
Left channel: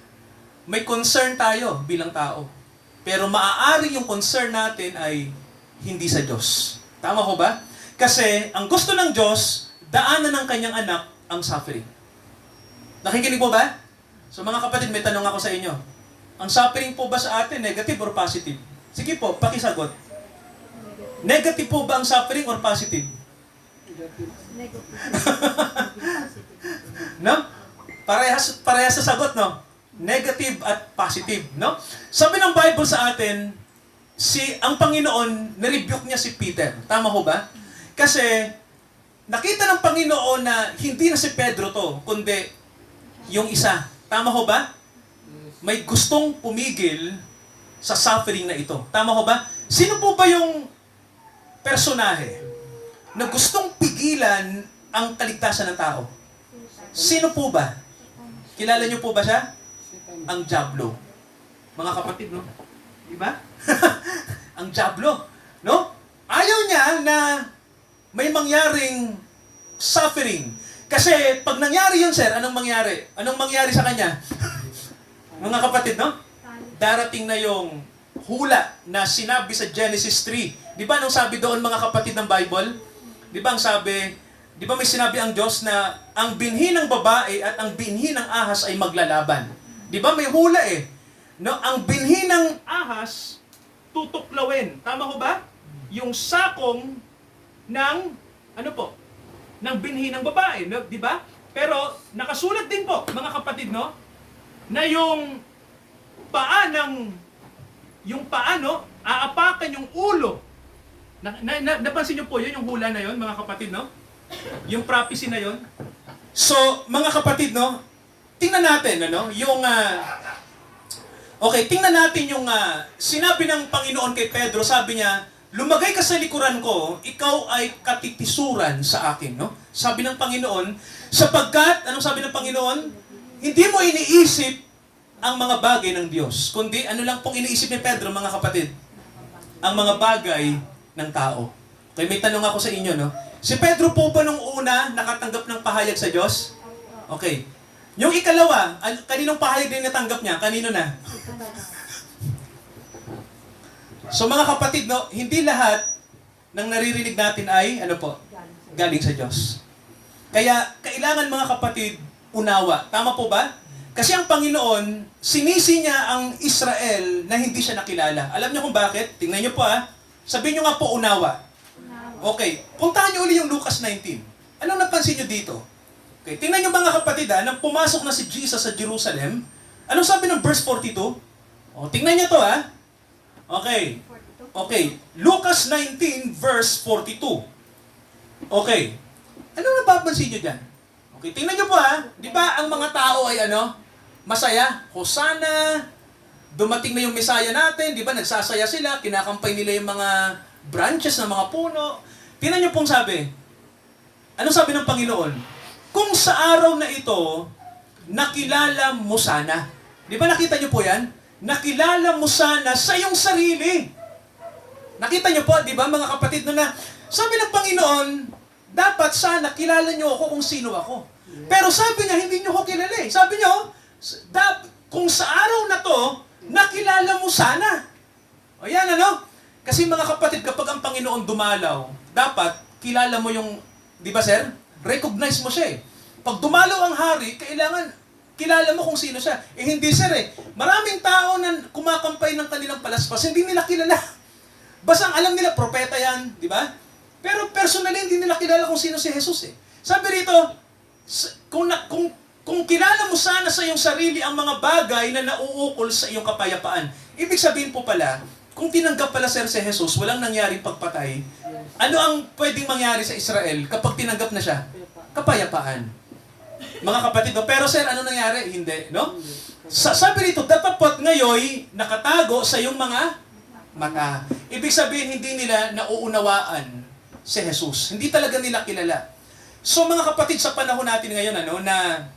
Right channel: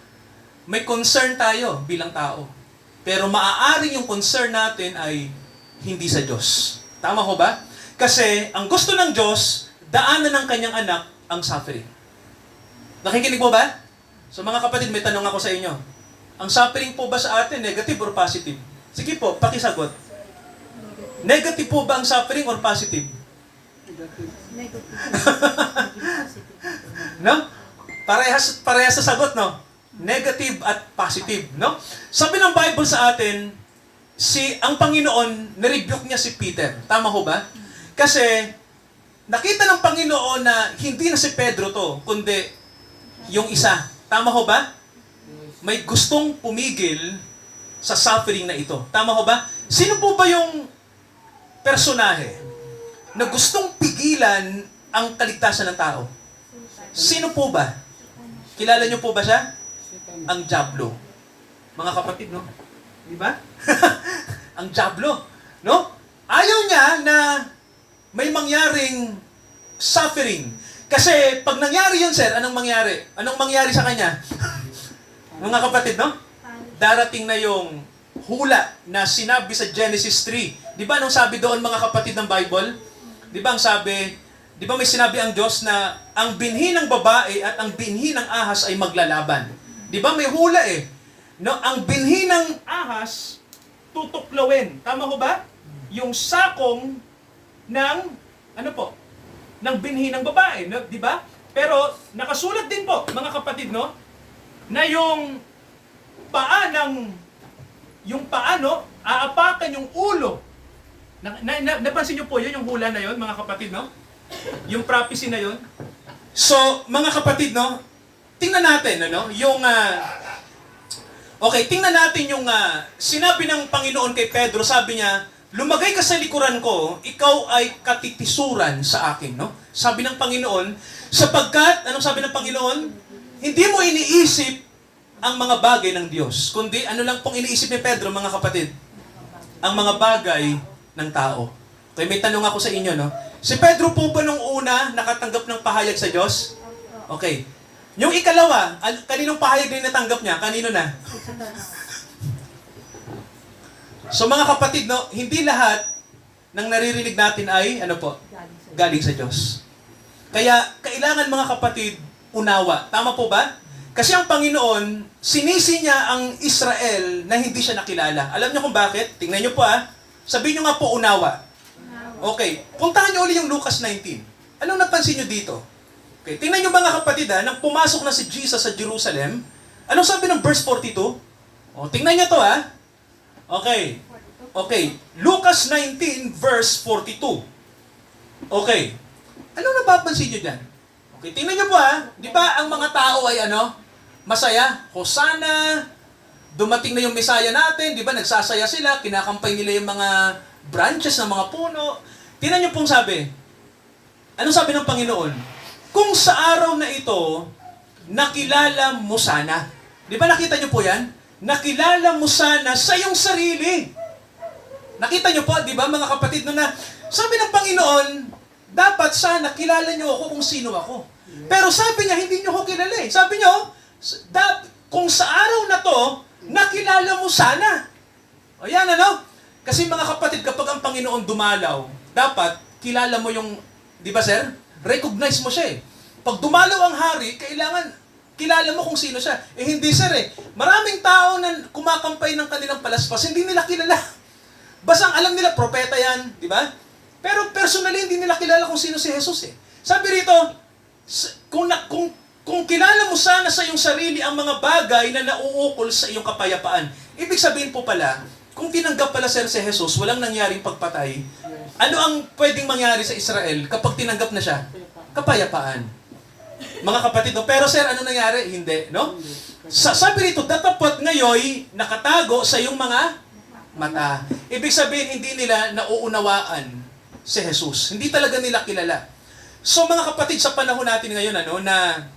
May concern tayo bilang tao. Pero maaaring yung concern natin ay hindi sa Diyos. Tama ho ba? Kasi ang gusto ng Diyos, daanan ng kanyang anak ang suffering. Nakikinig po ba? So mga kapatid, may tanong ako sa inyo. Ang suffering po ba sa atin, negative or positive? Sige po, pakisagot. Negative po ba ang suffering or positive? Negative. No? Parehas sa sagot, no? Negative at positive, no? Sabi ng Bible sa atin, ang Panginoon, nirebuke niya si Peter. Tama ho ba? Kasi, nakita ng Panginoon na hindi na si Pedro to, kundi yung isa. Tama ho ba? May gustong pumigil sa suffering na ito. Tama ho ba? Sino po ba yung personahe na gustong pigilan ang kaligtasan ng tao? Sino po ba? Kilala niyo po ba siya? Ang Diablo. Mga kapatid, no? Di ba? Ang Diablo. No? Ayaw niya na may mangyaring suffering. Kasi pag nangyari yun, sir, anong mangyari? Anong mangyari sa kanya? Mga kapatid, no? Darating na yung hula na sinabi sa Genesis 3. Di ba nung sabi doon, mga kapatid ng Bible? Di ba ang sabi, di ba may sinabi ang Diyos na ang binhi ng babae at ang binhi ng ahas ay maglalaban? Di ba may hula eh? No, ang binhi ng ahas tutuklawin. Tama ho ba? Yung sakong ng ano po? Ng binhi ng babae, no? Di ba? Pero nakasulat din po, mga kapatid, no? Na yung paa, no? Aapakan yung ulo. Napansin niyo po yun, yung hula na yun, mga kapatid, no? Yung prophecy na yun. So, mga kapatid, no? Tingnan natin, ano? Tingnan natin yung sinabi ng Panginoon kay Pedro. Sabi niya, lumagay ka sa likuran ko, ikaw ay katitisuran sa akin, no? Sabi ng Panginoon, sapagkat, anong sabi ng Panginoon? Hindi mo iniisip ang mga bagay ng Diyos, kundi ano lang pong iniisip ni Pedro, mga kapatid? Ang mga bagay ng tao. Okay, may tanong ako sa inyo, no? Si Pedro po ba nung una nakatanggap ng pahayag sa Diyos? Okay. Yung ikalawa, kaninong pahayag din natanggap niya? Kanino na? So mga kapatid, no, hindi lahat ng naririnig natin ay, ano po? Galing sa Diyos. Kaya, kailangan mga kapatid, unawa. Tama po ba? Kasi ang Panginoon, sinisi niya ang Israel na hindi siya nakilala. Alam niyo kung bakit? Tingnan niyo po Sabihin niyo nga po, unawa. Okay. Puntahan niyo ulit yung Lucas 19. Anong napansin niyo dito? Okay. Tingnan niyo mga kapatid nang pumasok na si Jesus sa Jerusalem, anong sabi ng verse 42? O, tingnan niyo to Okay. Okay. Lucas 19 verse 42. Okay. Anong napapansin niyo dyan? Okay, tingnan niyo po Di ba ang mga tao ay masaya? Hosanna, dumating na yung Messiah natin, di ba? Nagsasaya sila, kinakampay nila yung mga branches ng mga puno. Tingnan niyo pong sabi. Anong sabi ng Panginoon? Kung sa araw na ito, nakilala mo sana. Di ba nakita niyo po yan? Nakilala mo sana sa iyong sarili. Nakita niyo po, di ba mga kapatid, na sabi ng Panginoon, dapat sana kilala niyo ako kung sino ako. Pero sabi niya, hindi niyo ako kilala eh. Sabi niya, kung sa araw na to, nakilala mo sana. O yan Kasi mga kapatid, kapag ang Panginoon dumalaw, dapat kilala mo yung, di ba sir? Recognize mo siya eh. Pag dumalaw ang hari, kailangan kilala mo kung sino siya. Eh hindi sir eh. Maraming tao na kumakampay ng kanilang palaspas, hindi nila kilala. Basang alam nila, propeta yan, di ba? Pero personally, hindi nila kilala kung sino si Jesus eh. Sabi rito, kung kilala mo sana sa iyong sarili ang mga bagay na nauukol sa iyong kapayapaan. Ibig sabihin po pala, kung tinanggap pala si Jesus, walang nangyaring pagpatay, ano ang pwedeng mangyari sa Israel kapag tinanggap na siya? Kapayapaan. Mga kapatid, pero sir, ano nangyari? Hindi, no? Sabi rito, dapat ngayon nakatago sa iyong mga mata. Ibig sabihin, hindi nila nauunawaan si Jesus. Hindi talaga nila kilala. So mga kapatid, sa panahon natin ngayon, na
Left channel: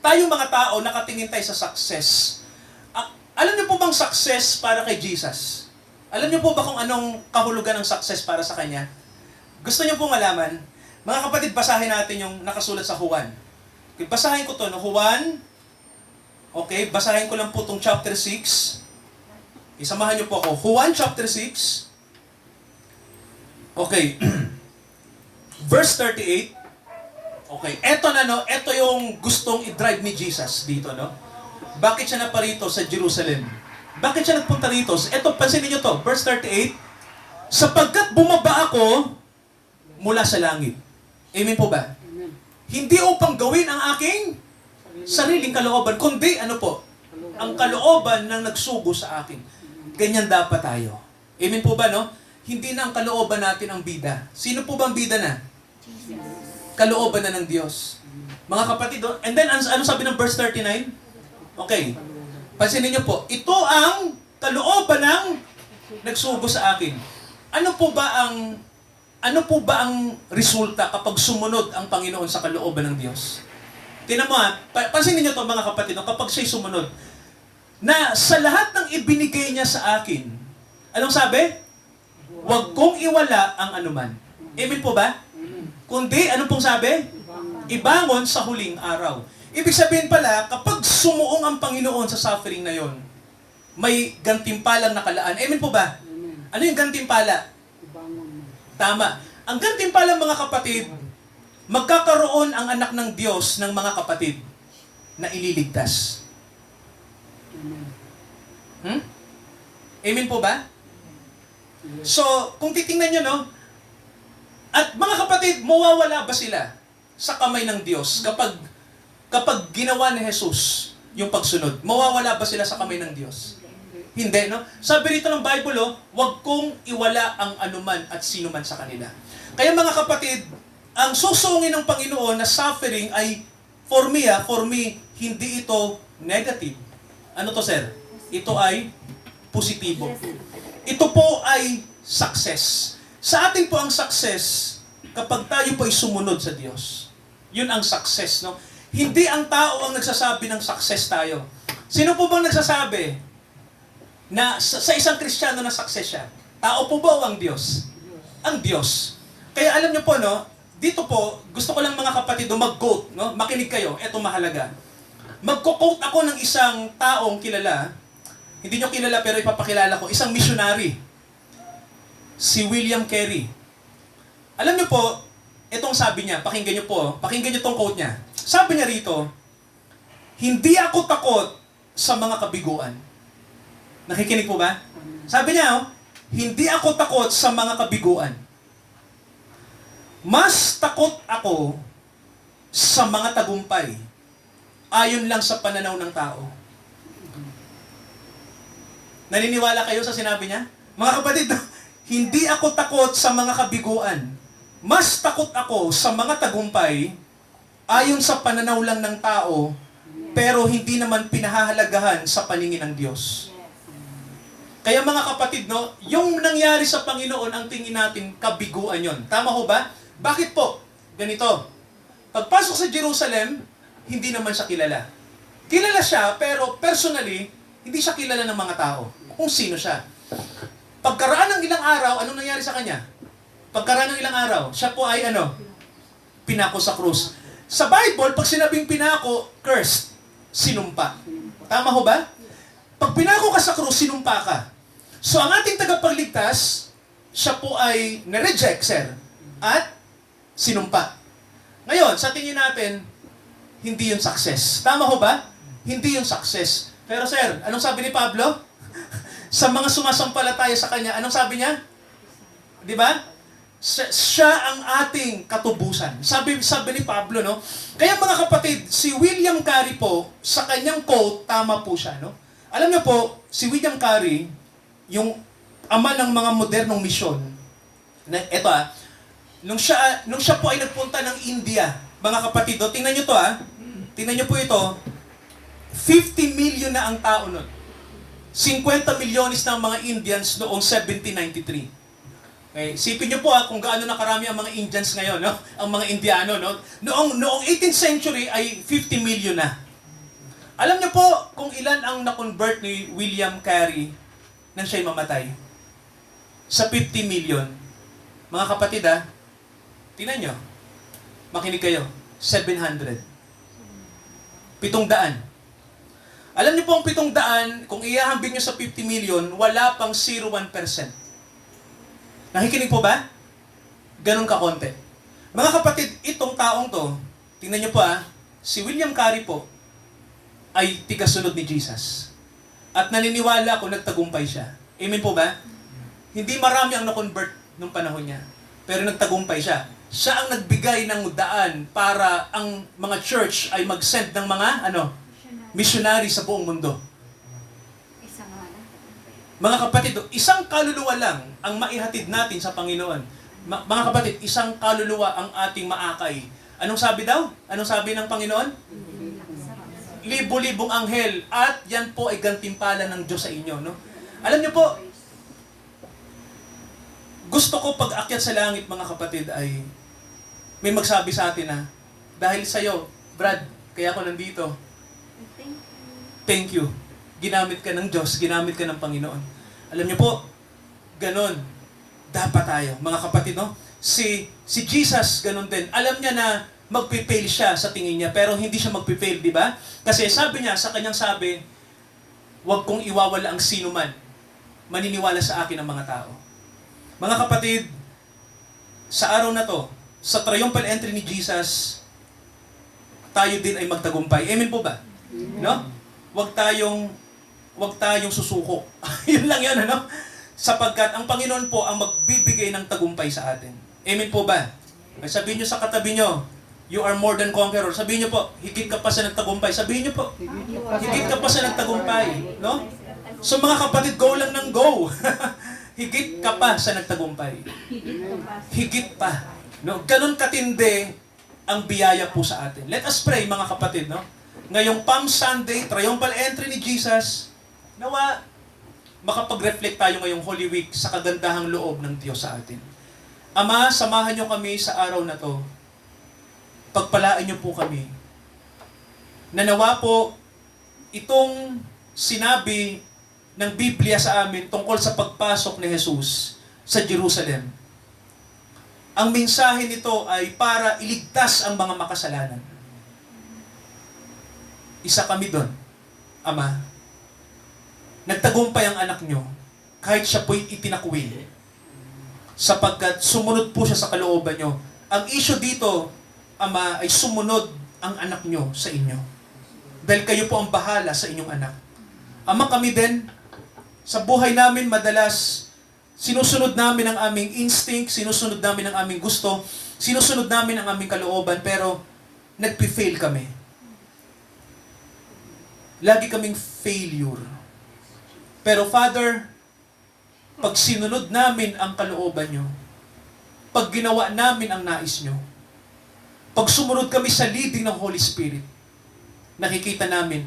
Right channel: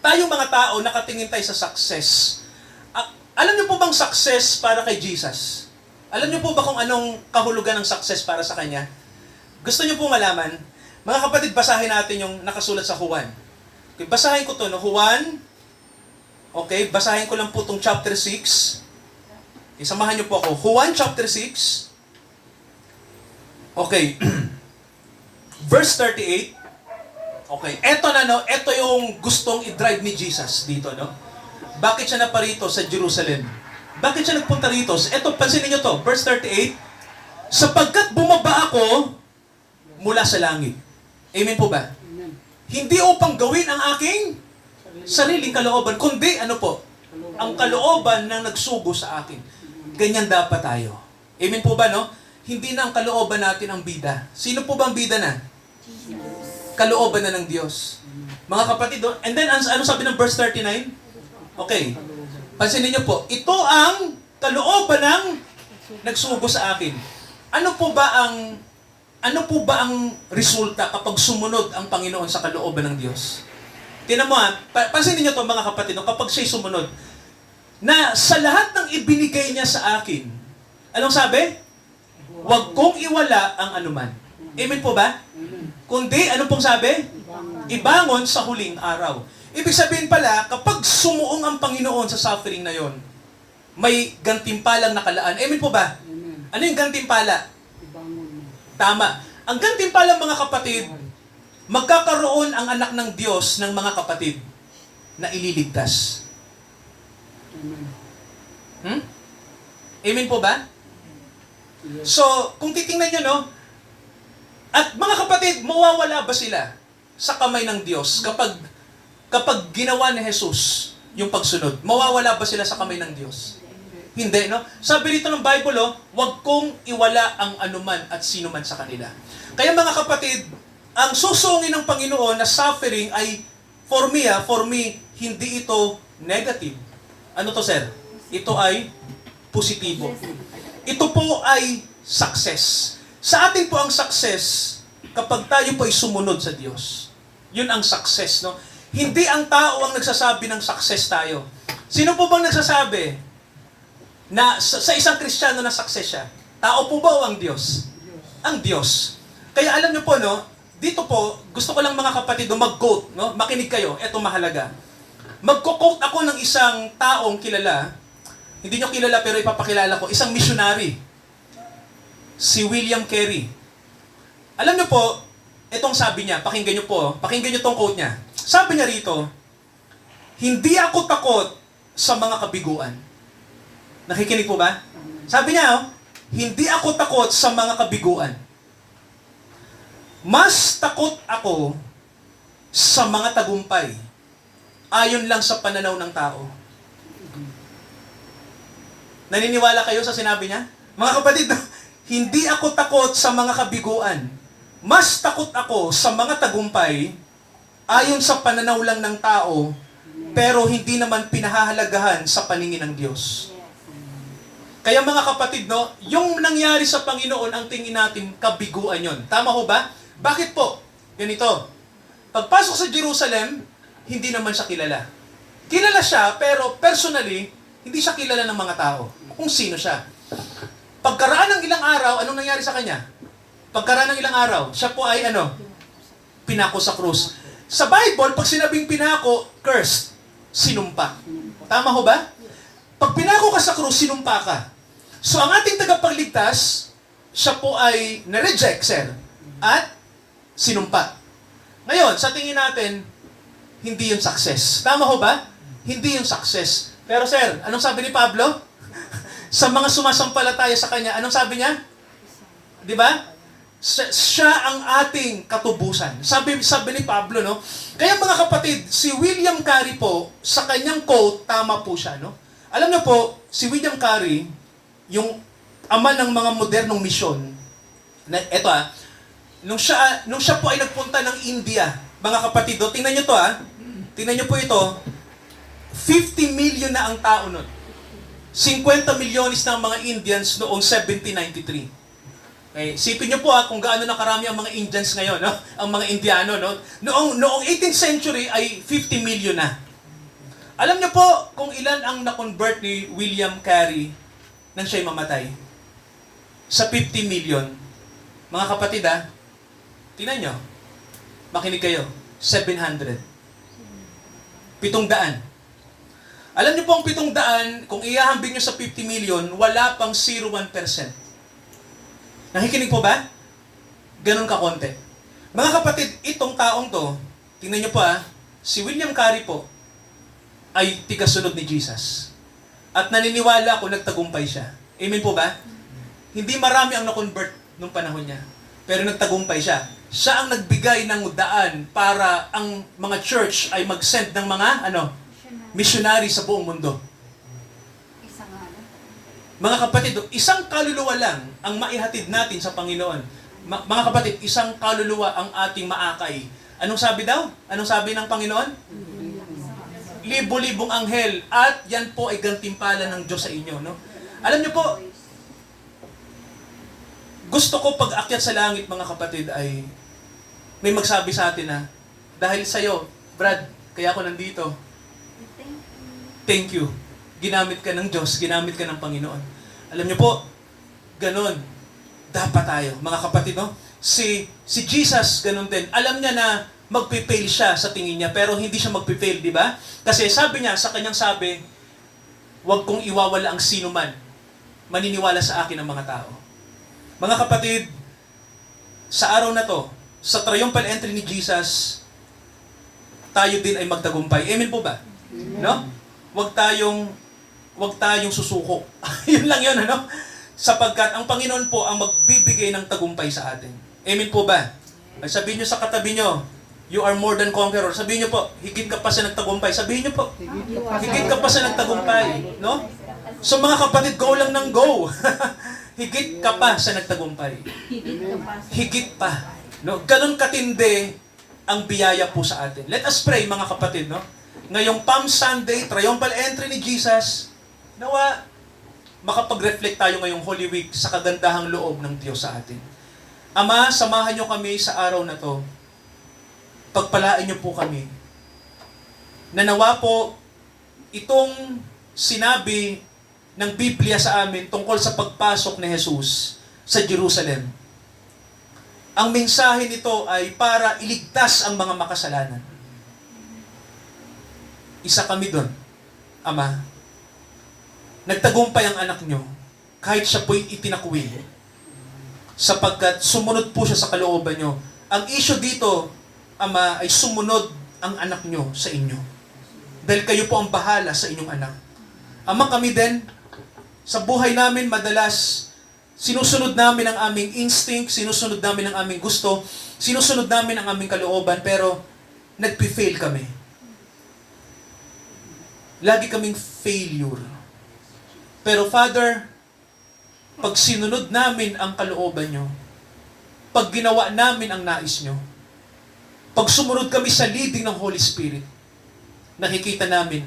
tayong mga tao nakatingin tayo sa success. Alam niyo po bang success para kay Jesus? Alam niyo po ba kung anong kahulugan ng success para sa Kanya? Gusto niyo po malaman? Mga kapatid, basahin natin yung nakasulat sa Juan. Okay, basahin ko to, Juan. Okay, basahin ko lang po itong chapter 6. Isamahan niyo po ako. Juan chapter 6. Okay. Verse 38. Okay. Ito yung gustong i-drive ni Jesus dito, Bakit siya naparito sa Jerusalem? Bakit siya nagpunta rito? Ito, pansinin niyo to. Verse 38. Sapagkat bumaba ako mula sa langit. Amen po ba? Amen. Hindi upang gawin ang aking sariling kalooban, kundi ang kalooban ng nagsugo sa akin. ganyan dapat tayo. Amen po ba, no? Hindi na ang kalooban natin ang bida. Sino po bang bida na? Kalooban na ng Diyos. Mga kapatid, and then ano sabi ng verse 39? Okay. Pansinin niyo po, ito ang kalooban ng nagsugo sa akin. Ano po ba ang resulta kapag sumunod ang Panginoon sa kalooban ng Diyos? Tingnan mo pansinin niyo to mga kapatid, kapag siya'y sumunod, na sa lahat ng ibinigay niya sa akin, anong sabi? Huwag kong iwala ang anuman. Amen po ba? Kundi, ano pong sabi? Ibangon sa huling araw. Ibig sabihin pala, kapag sumuong ang Panginoon sa suffering na yon, may gantimpalang nakalaan. Amen po ba? Ano yung gantimpala? Tama. Ang gantimpala, mga kapatid, magkakaroon ang anak ng Diyos ng mga kapatid na ililigtas. Amen po ba? So, kung titingnan nyo, no? At mga kapatid, mawawala ba sila sa kamay ng Diyos kapag ginawa ni Jesus yung pagsunod? Mawawala ba sila sa kamay ng Diyos? Hindi, no? Sabi rito ng Bible, huwag kong iwala ang anuman at sino man sa kanila. Kaya mga kapatid, ang susungin ng Panginoon na suffering ay, for me, hindi ito negative. Ano to, sir? Ito ay positibo. Ito po ay success. Sa atin po ang success kapag tayo po ay sumunod sa Diyos. Yun ang success, no? Hindi ang tao ang nagsasabi ng success tayo. Sino po bang nagsasabi na sa isang Kristiyano na success siya? Tao po ba o ang Diyos? Ang Diyos. Kaya alam niyo po, no? Dito po, gusto ko lang mga kapatid mag-quote, no? Makinig kayo, eto mahalaga. Magko-quote ako ng isang taong kilala. Hindi nyo kilala pero ipapakilala ko. Isang missionary. Si William Carey. Alam nyo po, itong sabi niya, pakinggan nyo po, pakinggan nyo itong quote niya. Sabi niya rito, hindi ako takot sa mga kabiguan. Nakikinig po ba? Sabi niya, hindi ako takot sa mga kabiguan. Mas takot ako sa mga tagumpay ayon lang sa pananaw ng tao. Naniniwala kayo sa sinabi niya? Mga kapatid, hindi ako takot sa mga kabiguan. Mas takot ako sa mga tagumpay ayon sa pananaw lang ng tao, pero hindi naman pinahahalagahan sa paningin ng Diyos. Kaya mga kapatid, no, yung nangyari sa Panginoon, ang tingin natin, kabiguan yon. Tama ho ba? Bakit po? Ganito. Pagpasok sa Jerusalem, hindi naman siya kilala. Kilala siya, pero personally, hindi siya kilala ng mga tao. Kung sino siya. Pagkaraan ng ilang araw, anong nangyari sa kanya? Pagkaraan ng ilang araw, siya po ay pinako sa krus. Sa Bible, pag sinabing pinako, cursed, sinumpa. Tama ho ba? Pag pinako ka sa krus, sinumpa ka. So ang ating tagapagligtas, siya po ay na-reject, sir, at sinumpa. Ngayon, sa tingin natin, hindi yung success. Tama ho ba? Hindi yung success. Pero sir, anong sabi ni Pablo? Sa mga sumasampalataya sa kanya, anong sabi niya? Di ba? Siya ang ating katubusan. Sabi ni Pablo, no? Kaya mga kapatid, si William Carey po, sa kanyang quote, tama po siya, no? Alam niyo po, si William Carey, yung ama ng mga modernong misyon, nung siya po ay nagpunta ng India, mga kapatid, tingnan niyo to, tingnan niyo po ito, 50 million na ang tao nun. 50 milyones ng mga Indians noong 1793. Okay, sipin niyo po kung gaano na karami ang mga Indians ngayon, no? Ang mga Indiano, no? Noong 18th century ay 50 million na. Alam niyo po kung ilan ang na-convert ni William Carey nang siya'y mamatay? Sa 50 million. Mga kapatid, tingnan niyo. Makinig kayo. 700. 700. Alam niyo po ang 700, kung ihahambing niyo sa 50 million, wala pang 0.1%. Nakikinig po ba? Ganun ka konti. Mga kapatid, itong taong to, tingnan niyo po si William Carey po, ay tigasunod ni Jesus. At naniniwala ako nagtagumpay siya. Amen po ba? Hindi marami ang na-convert nung panahon niya. Pero nagtagumpay siya. Siya ang nagbigay ng daan para ang mga church ay mag-send ng mga missionary sa buong mundo. Mga kapatid, isang kaluluwa lang ang maihatid natin sa Panginoon. Mga kapatid, isang kaluluwa ang ating maakay. Anong sabi daw? Anong sabi ng Panginoon? Libo-libong anghel at yan po ay gantimpala ng Diyos sa inyo, no? Alam niyo po, gusto ko pag akyat sa langit, mga kapatid, ay may magsabi sa atin na dahil sa'yo, Brad, kaya ako nandito. Thank you. Ginamit ka ng Diyos, ginamit ka ng Panginoon. Alam niyo po, ganon dapat tayo, mga kapatid, no? Si Jesus, ganon din. Alam niya na magpipail siya sa tingin niya, pero hindi siya magpipail, di ba? Kasi sabi niya, sa kanyang sabi, huwag kong iwawala ang sino man maniniwala sa akin ng mga tao. Mga kapatid, sa araw na to, sa triumphal entry ni Jesus, tayo din ay magtagumpay. Amen po ba? No? Huwag tayong susuko. Yun lang yun, ano? Sapagkat ang Panginoon po ang magbibigay ng tagumpay sa atin. Amen po ba? Ay sabihin nyo sa katabi nyo, you are more than conqueror. Sabihin nyo po, higit ka pa sa nagtagumpay. Sabihin nyo po, higit ka pa sa nagtagumpay. No? So mga kapatid, go lang ng go. Higit ka pa sa nagtagumpay. Higit pa. No? Ganun katindi ang biyaya po sa atin. Let us pray, mga kapatid. No? Ngayong Palm Sunday, triumphal entry ni Jesus, nawa makapag-reflect tayo ngayong Holy Week sa kagandahang loob ng Diyos sa atin. Ama, samahan niyo kami sa araw na to. Pagpalain niyo po kami. Nanawa po itong sinabi ng Biblia sa amin tungkol sa pagpasok ni Jesus sa Jerusalem. Ang mensahe nito ay para iligtas ang mga makasalanan. Isa kami doon, Ama. Nagtagumpay ang anak nyo kahit siya po'y itinakwil sapagkat sumunod po siya sa kalooban nyo. Ang issue dito, Ama, ay sumunod ang anak nyo sa inyo. Dahil kayo po ang bahala sa inyong anak. Ama, kami din, sa buhay namin madalas, sinusunod namin ang aming instinct, sinusunod namin ang aming gusto, sinusunod namin ang aming kalooban, pero nagpi-fail kami. Lagi kaming failure. Pero Father, pag sinunod namin ang kalooban nyo, pag ginawa namin ang nais nyo, pag sumunod kami sa leading ng Holy Spirit, nakikita namin,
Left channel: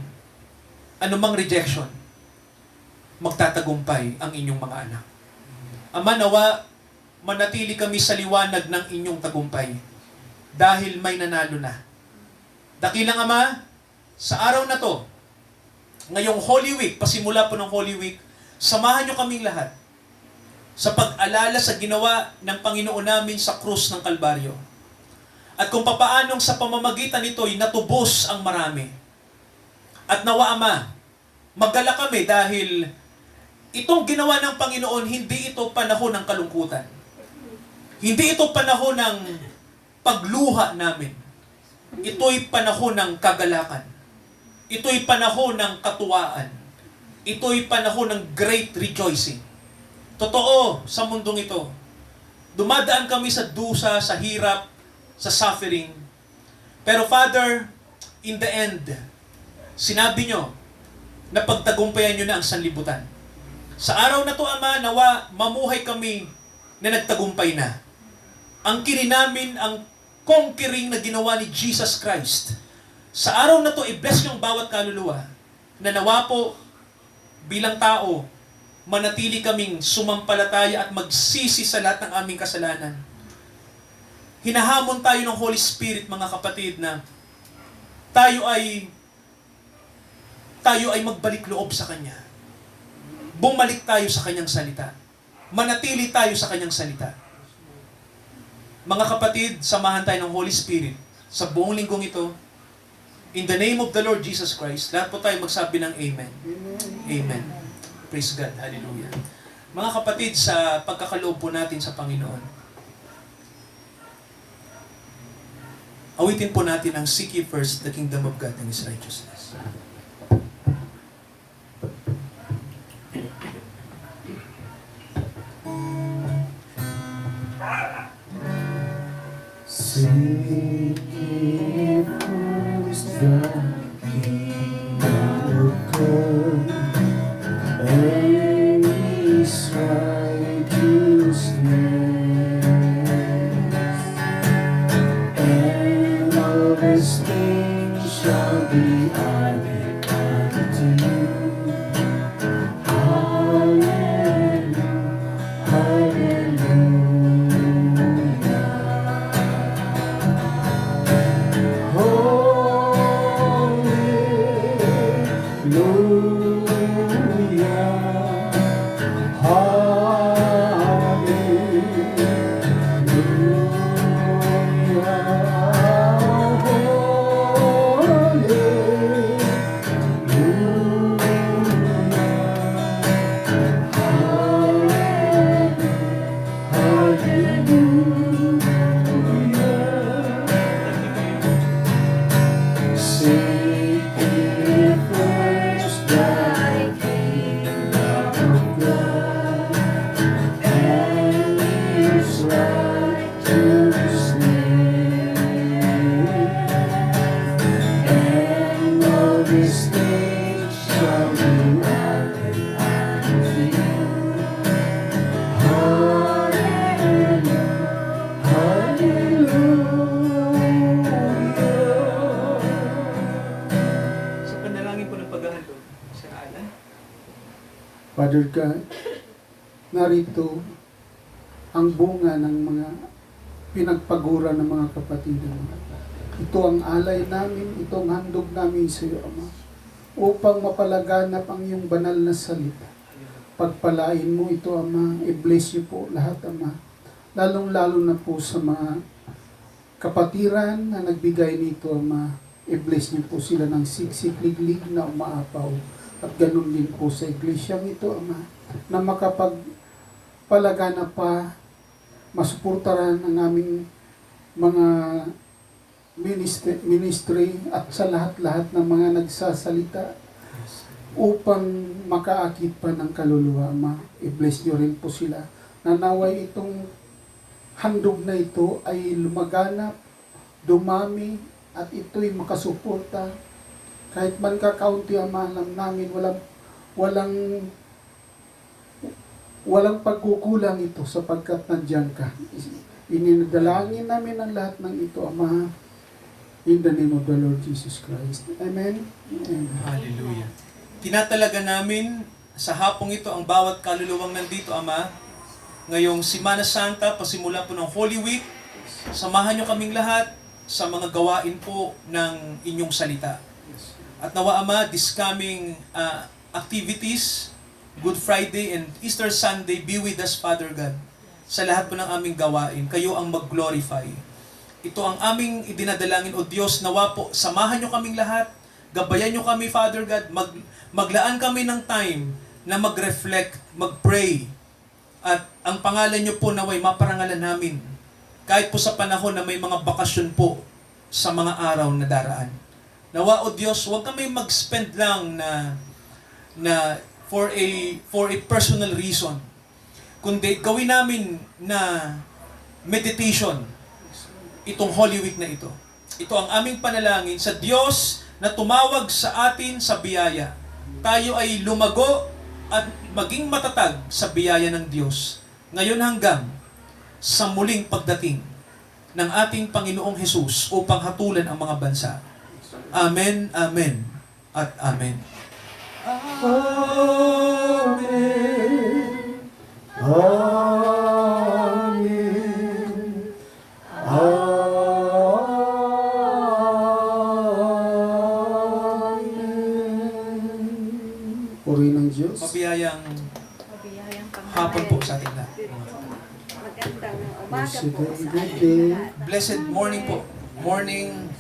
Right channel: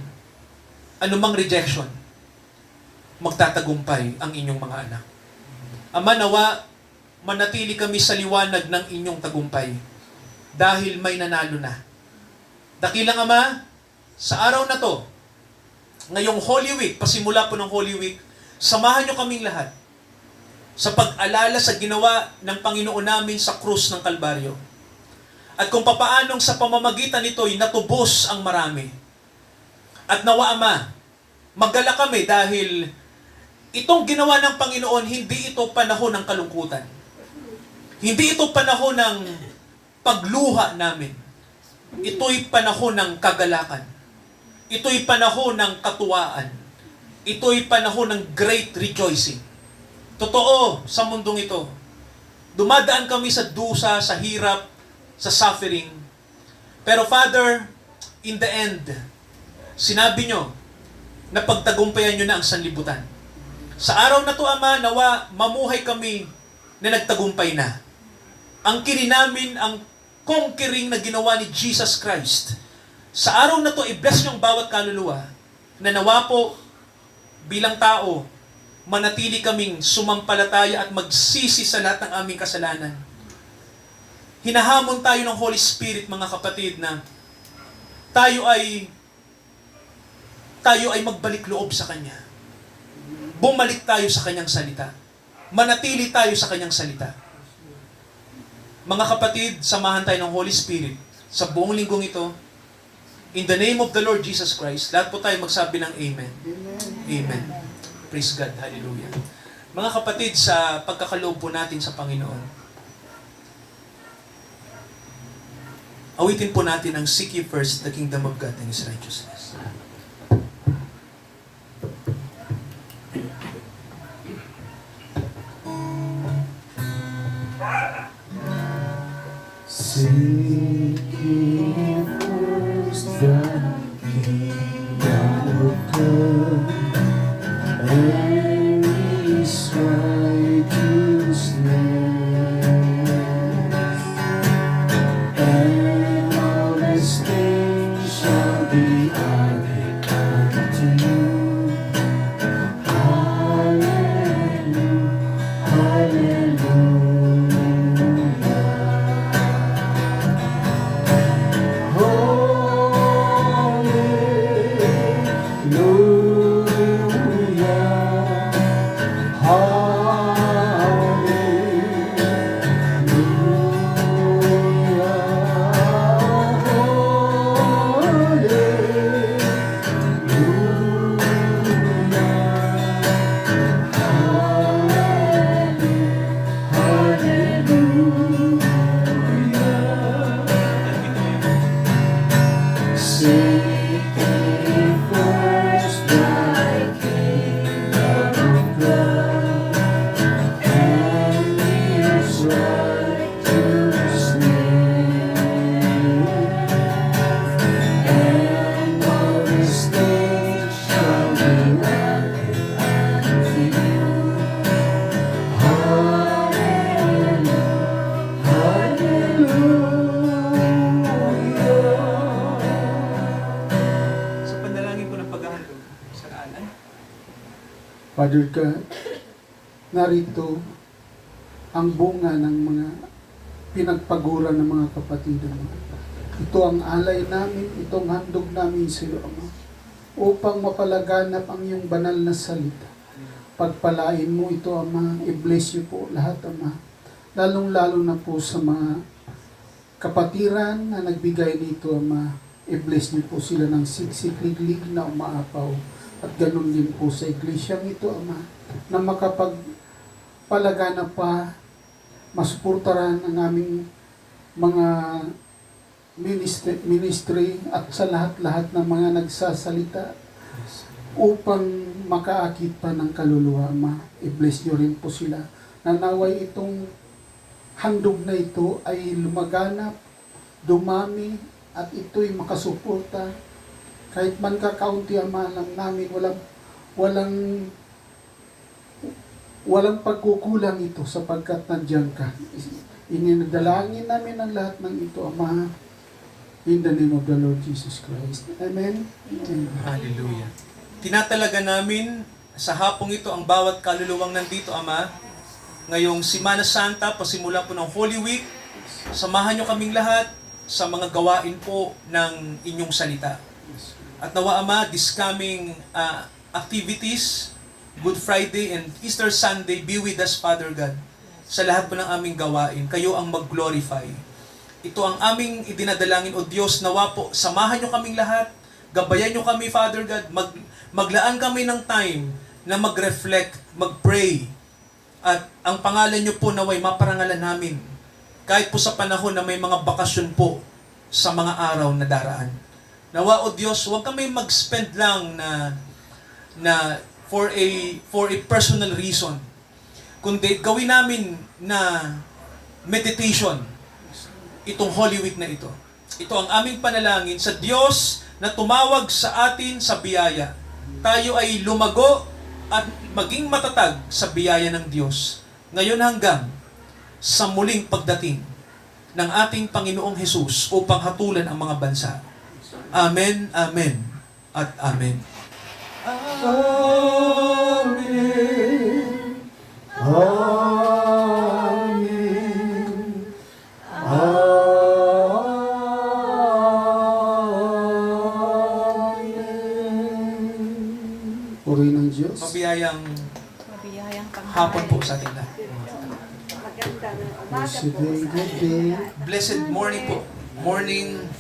anumang rejection, magtatagumpay ang inyong mga anak. Ama, nawa, manatili kami sa liwanag ng inyong tagumpay dahil may nanalo na. Dakilang Ama, sa araw na to, ngayong Holy Week, pasimula po ng Holy Week, samahan nyo kaming lahat sa pag-alala sa ginawa ng Panginoon namin sa krus ng Kalbaryo. At kung papaanong sa pamamagitan nito'y natubos ang marami. At nawa, Ama, magala kami dahil itong ginawa ng Panginoon, hindi ito panahon ng kalungkutan. Hindi ito panahon ng pagluha namin. Ito'y panahon ng kagalakan. Ito'y panahon ng katuwaan. Ito'y panahon ng great rejoicing. Totoo, sa mundong ito, dumadaan kami sa dusa, sa hirap, sa suffering. Pero Father, in the end, sinabi nyo na pagtagumpayan nyo na ang sanlibutan. Sa araw na to, Ama, nawa mamuhay kami na nagtagumpay na. Ang kini namin ang conquering na ginawa ni Jesus Christ. Sa araw na to, i-bless yung bawat kaluluwa na nawa po bilang tao, manatili kaming sumampalataya at magsisi sa lahat ng aming kasalanan. Hinahamon tayo ng Holy Spirit, mga kapatid, na tayo ay magbalik loob sa Kanya. Bumalik tayo sa Kanyang salita. Manatili tayo sa Kanyang salita. Mga kapatid, samahan tayo ng Holy Spirit sa buong linggong ito. In the name of the Lord Jesus Christ, lahat po tayo magsabi ng Amen. Amen. Praise God. Hallelujah. Mga kapatid, sa pagkakaloob po natin sa Panginoon, awitin po natin ang Seek ye first the kingdom of God and His righteousness. Seek ye first the kingdom of God and these things shall be added unto you. Hallelujah, Seek ye first thy kingdom of God, and His righteousness, and all these things shall be added unto you. Hallelujah, hallelujah. Sa panalangin po ng paghahandog, sa naalan. Father God, narito ang bunga ng mga pinagpagura ng mga kapatid mo. Ito ang alay namin, itong handog namin sa iyo, Ama, upang mapalaganap ang iyong banal na salita. Pagpalain mo ito, Ama, i-bless niyo po lahat, Ama. Lalong-lalo na po sa mga kapatiran na nagbigay nito, Ama. I-bless niyo po sila ng siksik-liglig na umaapaw. At ganun din po sa iglesyang ito, Ama, na makapagpalaganap pa, masuportaran ang aming mga ministry at sa lahat-lahat ng mga nagsasalita upang makaakit pa ng kaluluwa, Ama. I-bless niyo rin po sila. Nanaway itong handog na ito ay lumaganap, dumami, at ito'y makasuporta. Kahit man kakaunti, Ama, alam namin, walang pagkukulang ito sapagkat nandiyan ka. Ininadalangin namin ang lahat ng ito, Ama, in the name of the Lord Jesus Christ. Amen. Amen. Hallelujah. Tinatalaga namin sa hapong ito ang bawat kaluluwang nandito, Ama. Ngayong Semana Santa, pasimula po ng Holy Week, samahan niyo kaming lahat sa mga gawain po ng inyong salita. At nawa, Ama, this coming activities, Good Friday and Easter Sunday, be with us, Father God, sa lahat po ng aming gawain. Kayo ang mag-glorify. Ito ang aming idinadalangin, O Diyos, nawa po, samahan nyo kaming lahat, gabayan nyo kami, Father God, maglaan kami ng time na mag-reflect, mag-pray, at ang pangalan nyo po naway maparangalan namin, kahit po sa panahon na may mga bakasyon po sa mga araw na daraan. Nawa, O Diyos, huwag kami mag-spend lang na for a personal reason, kundi gawin namin na meditation itong Holy Week na ito. Ito ang aming panalangin sa Diyos na tumawag sa atin sa biyaya. Tayo ay lumago at maging matatag sa biyaya ng Diyos, ngayon hanggang sa muling pagdating ng ating Panginoong Hesus upang hatulan ang mga bansa. Amen, amen, at amen. Amen. Amen. Amen. Puri ng Diyos. Mabiyayang Mabiyayang hapon po sa ating lahat. Magandang umaga Blessed po and sa good ating day. lahat. Blessed morning po. Morning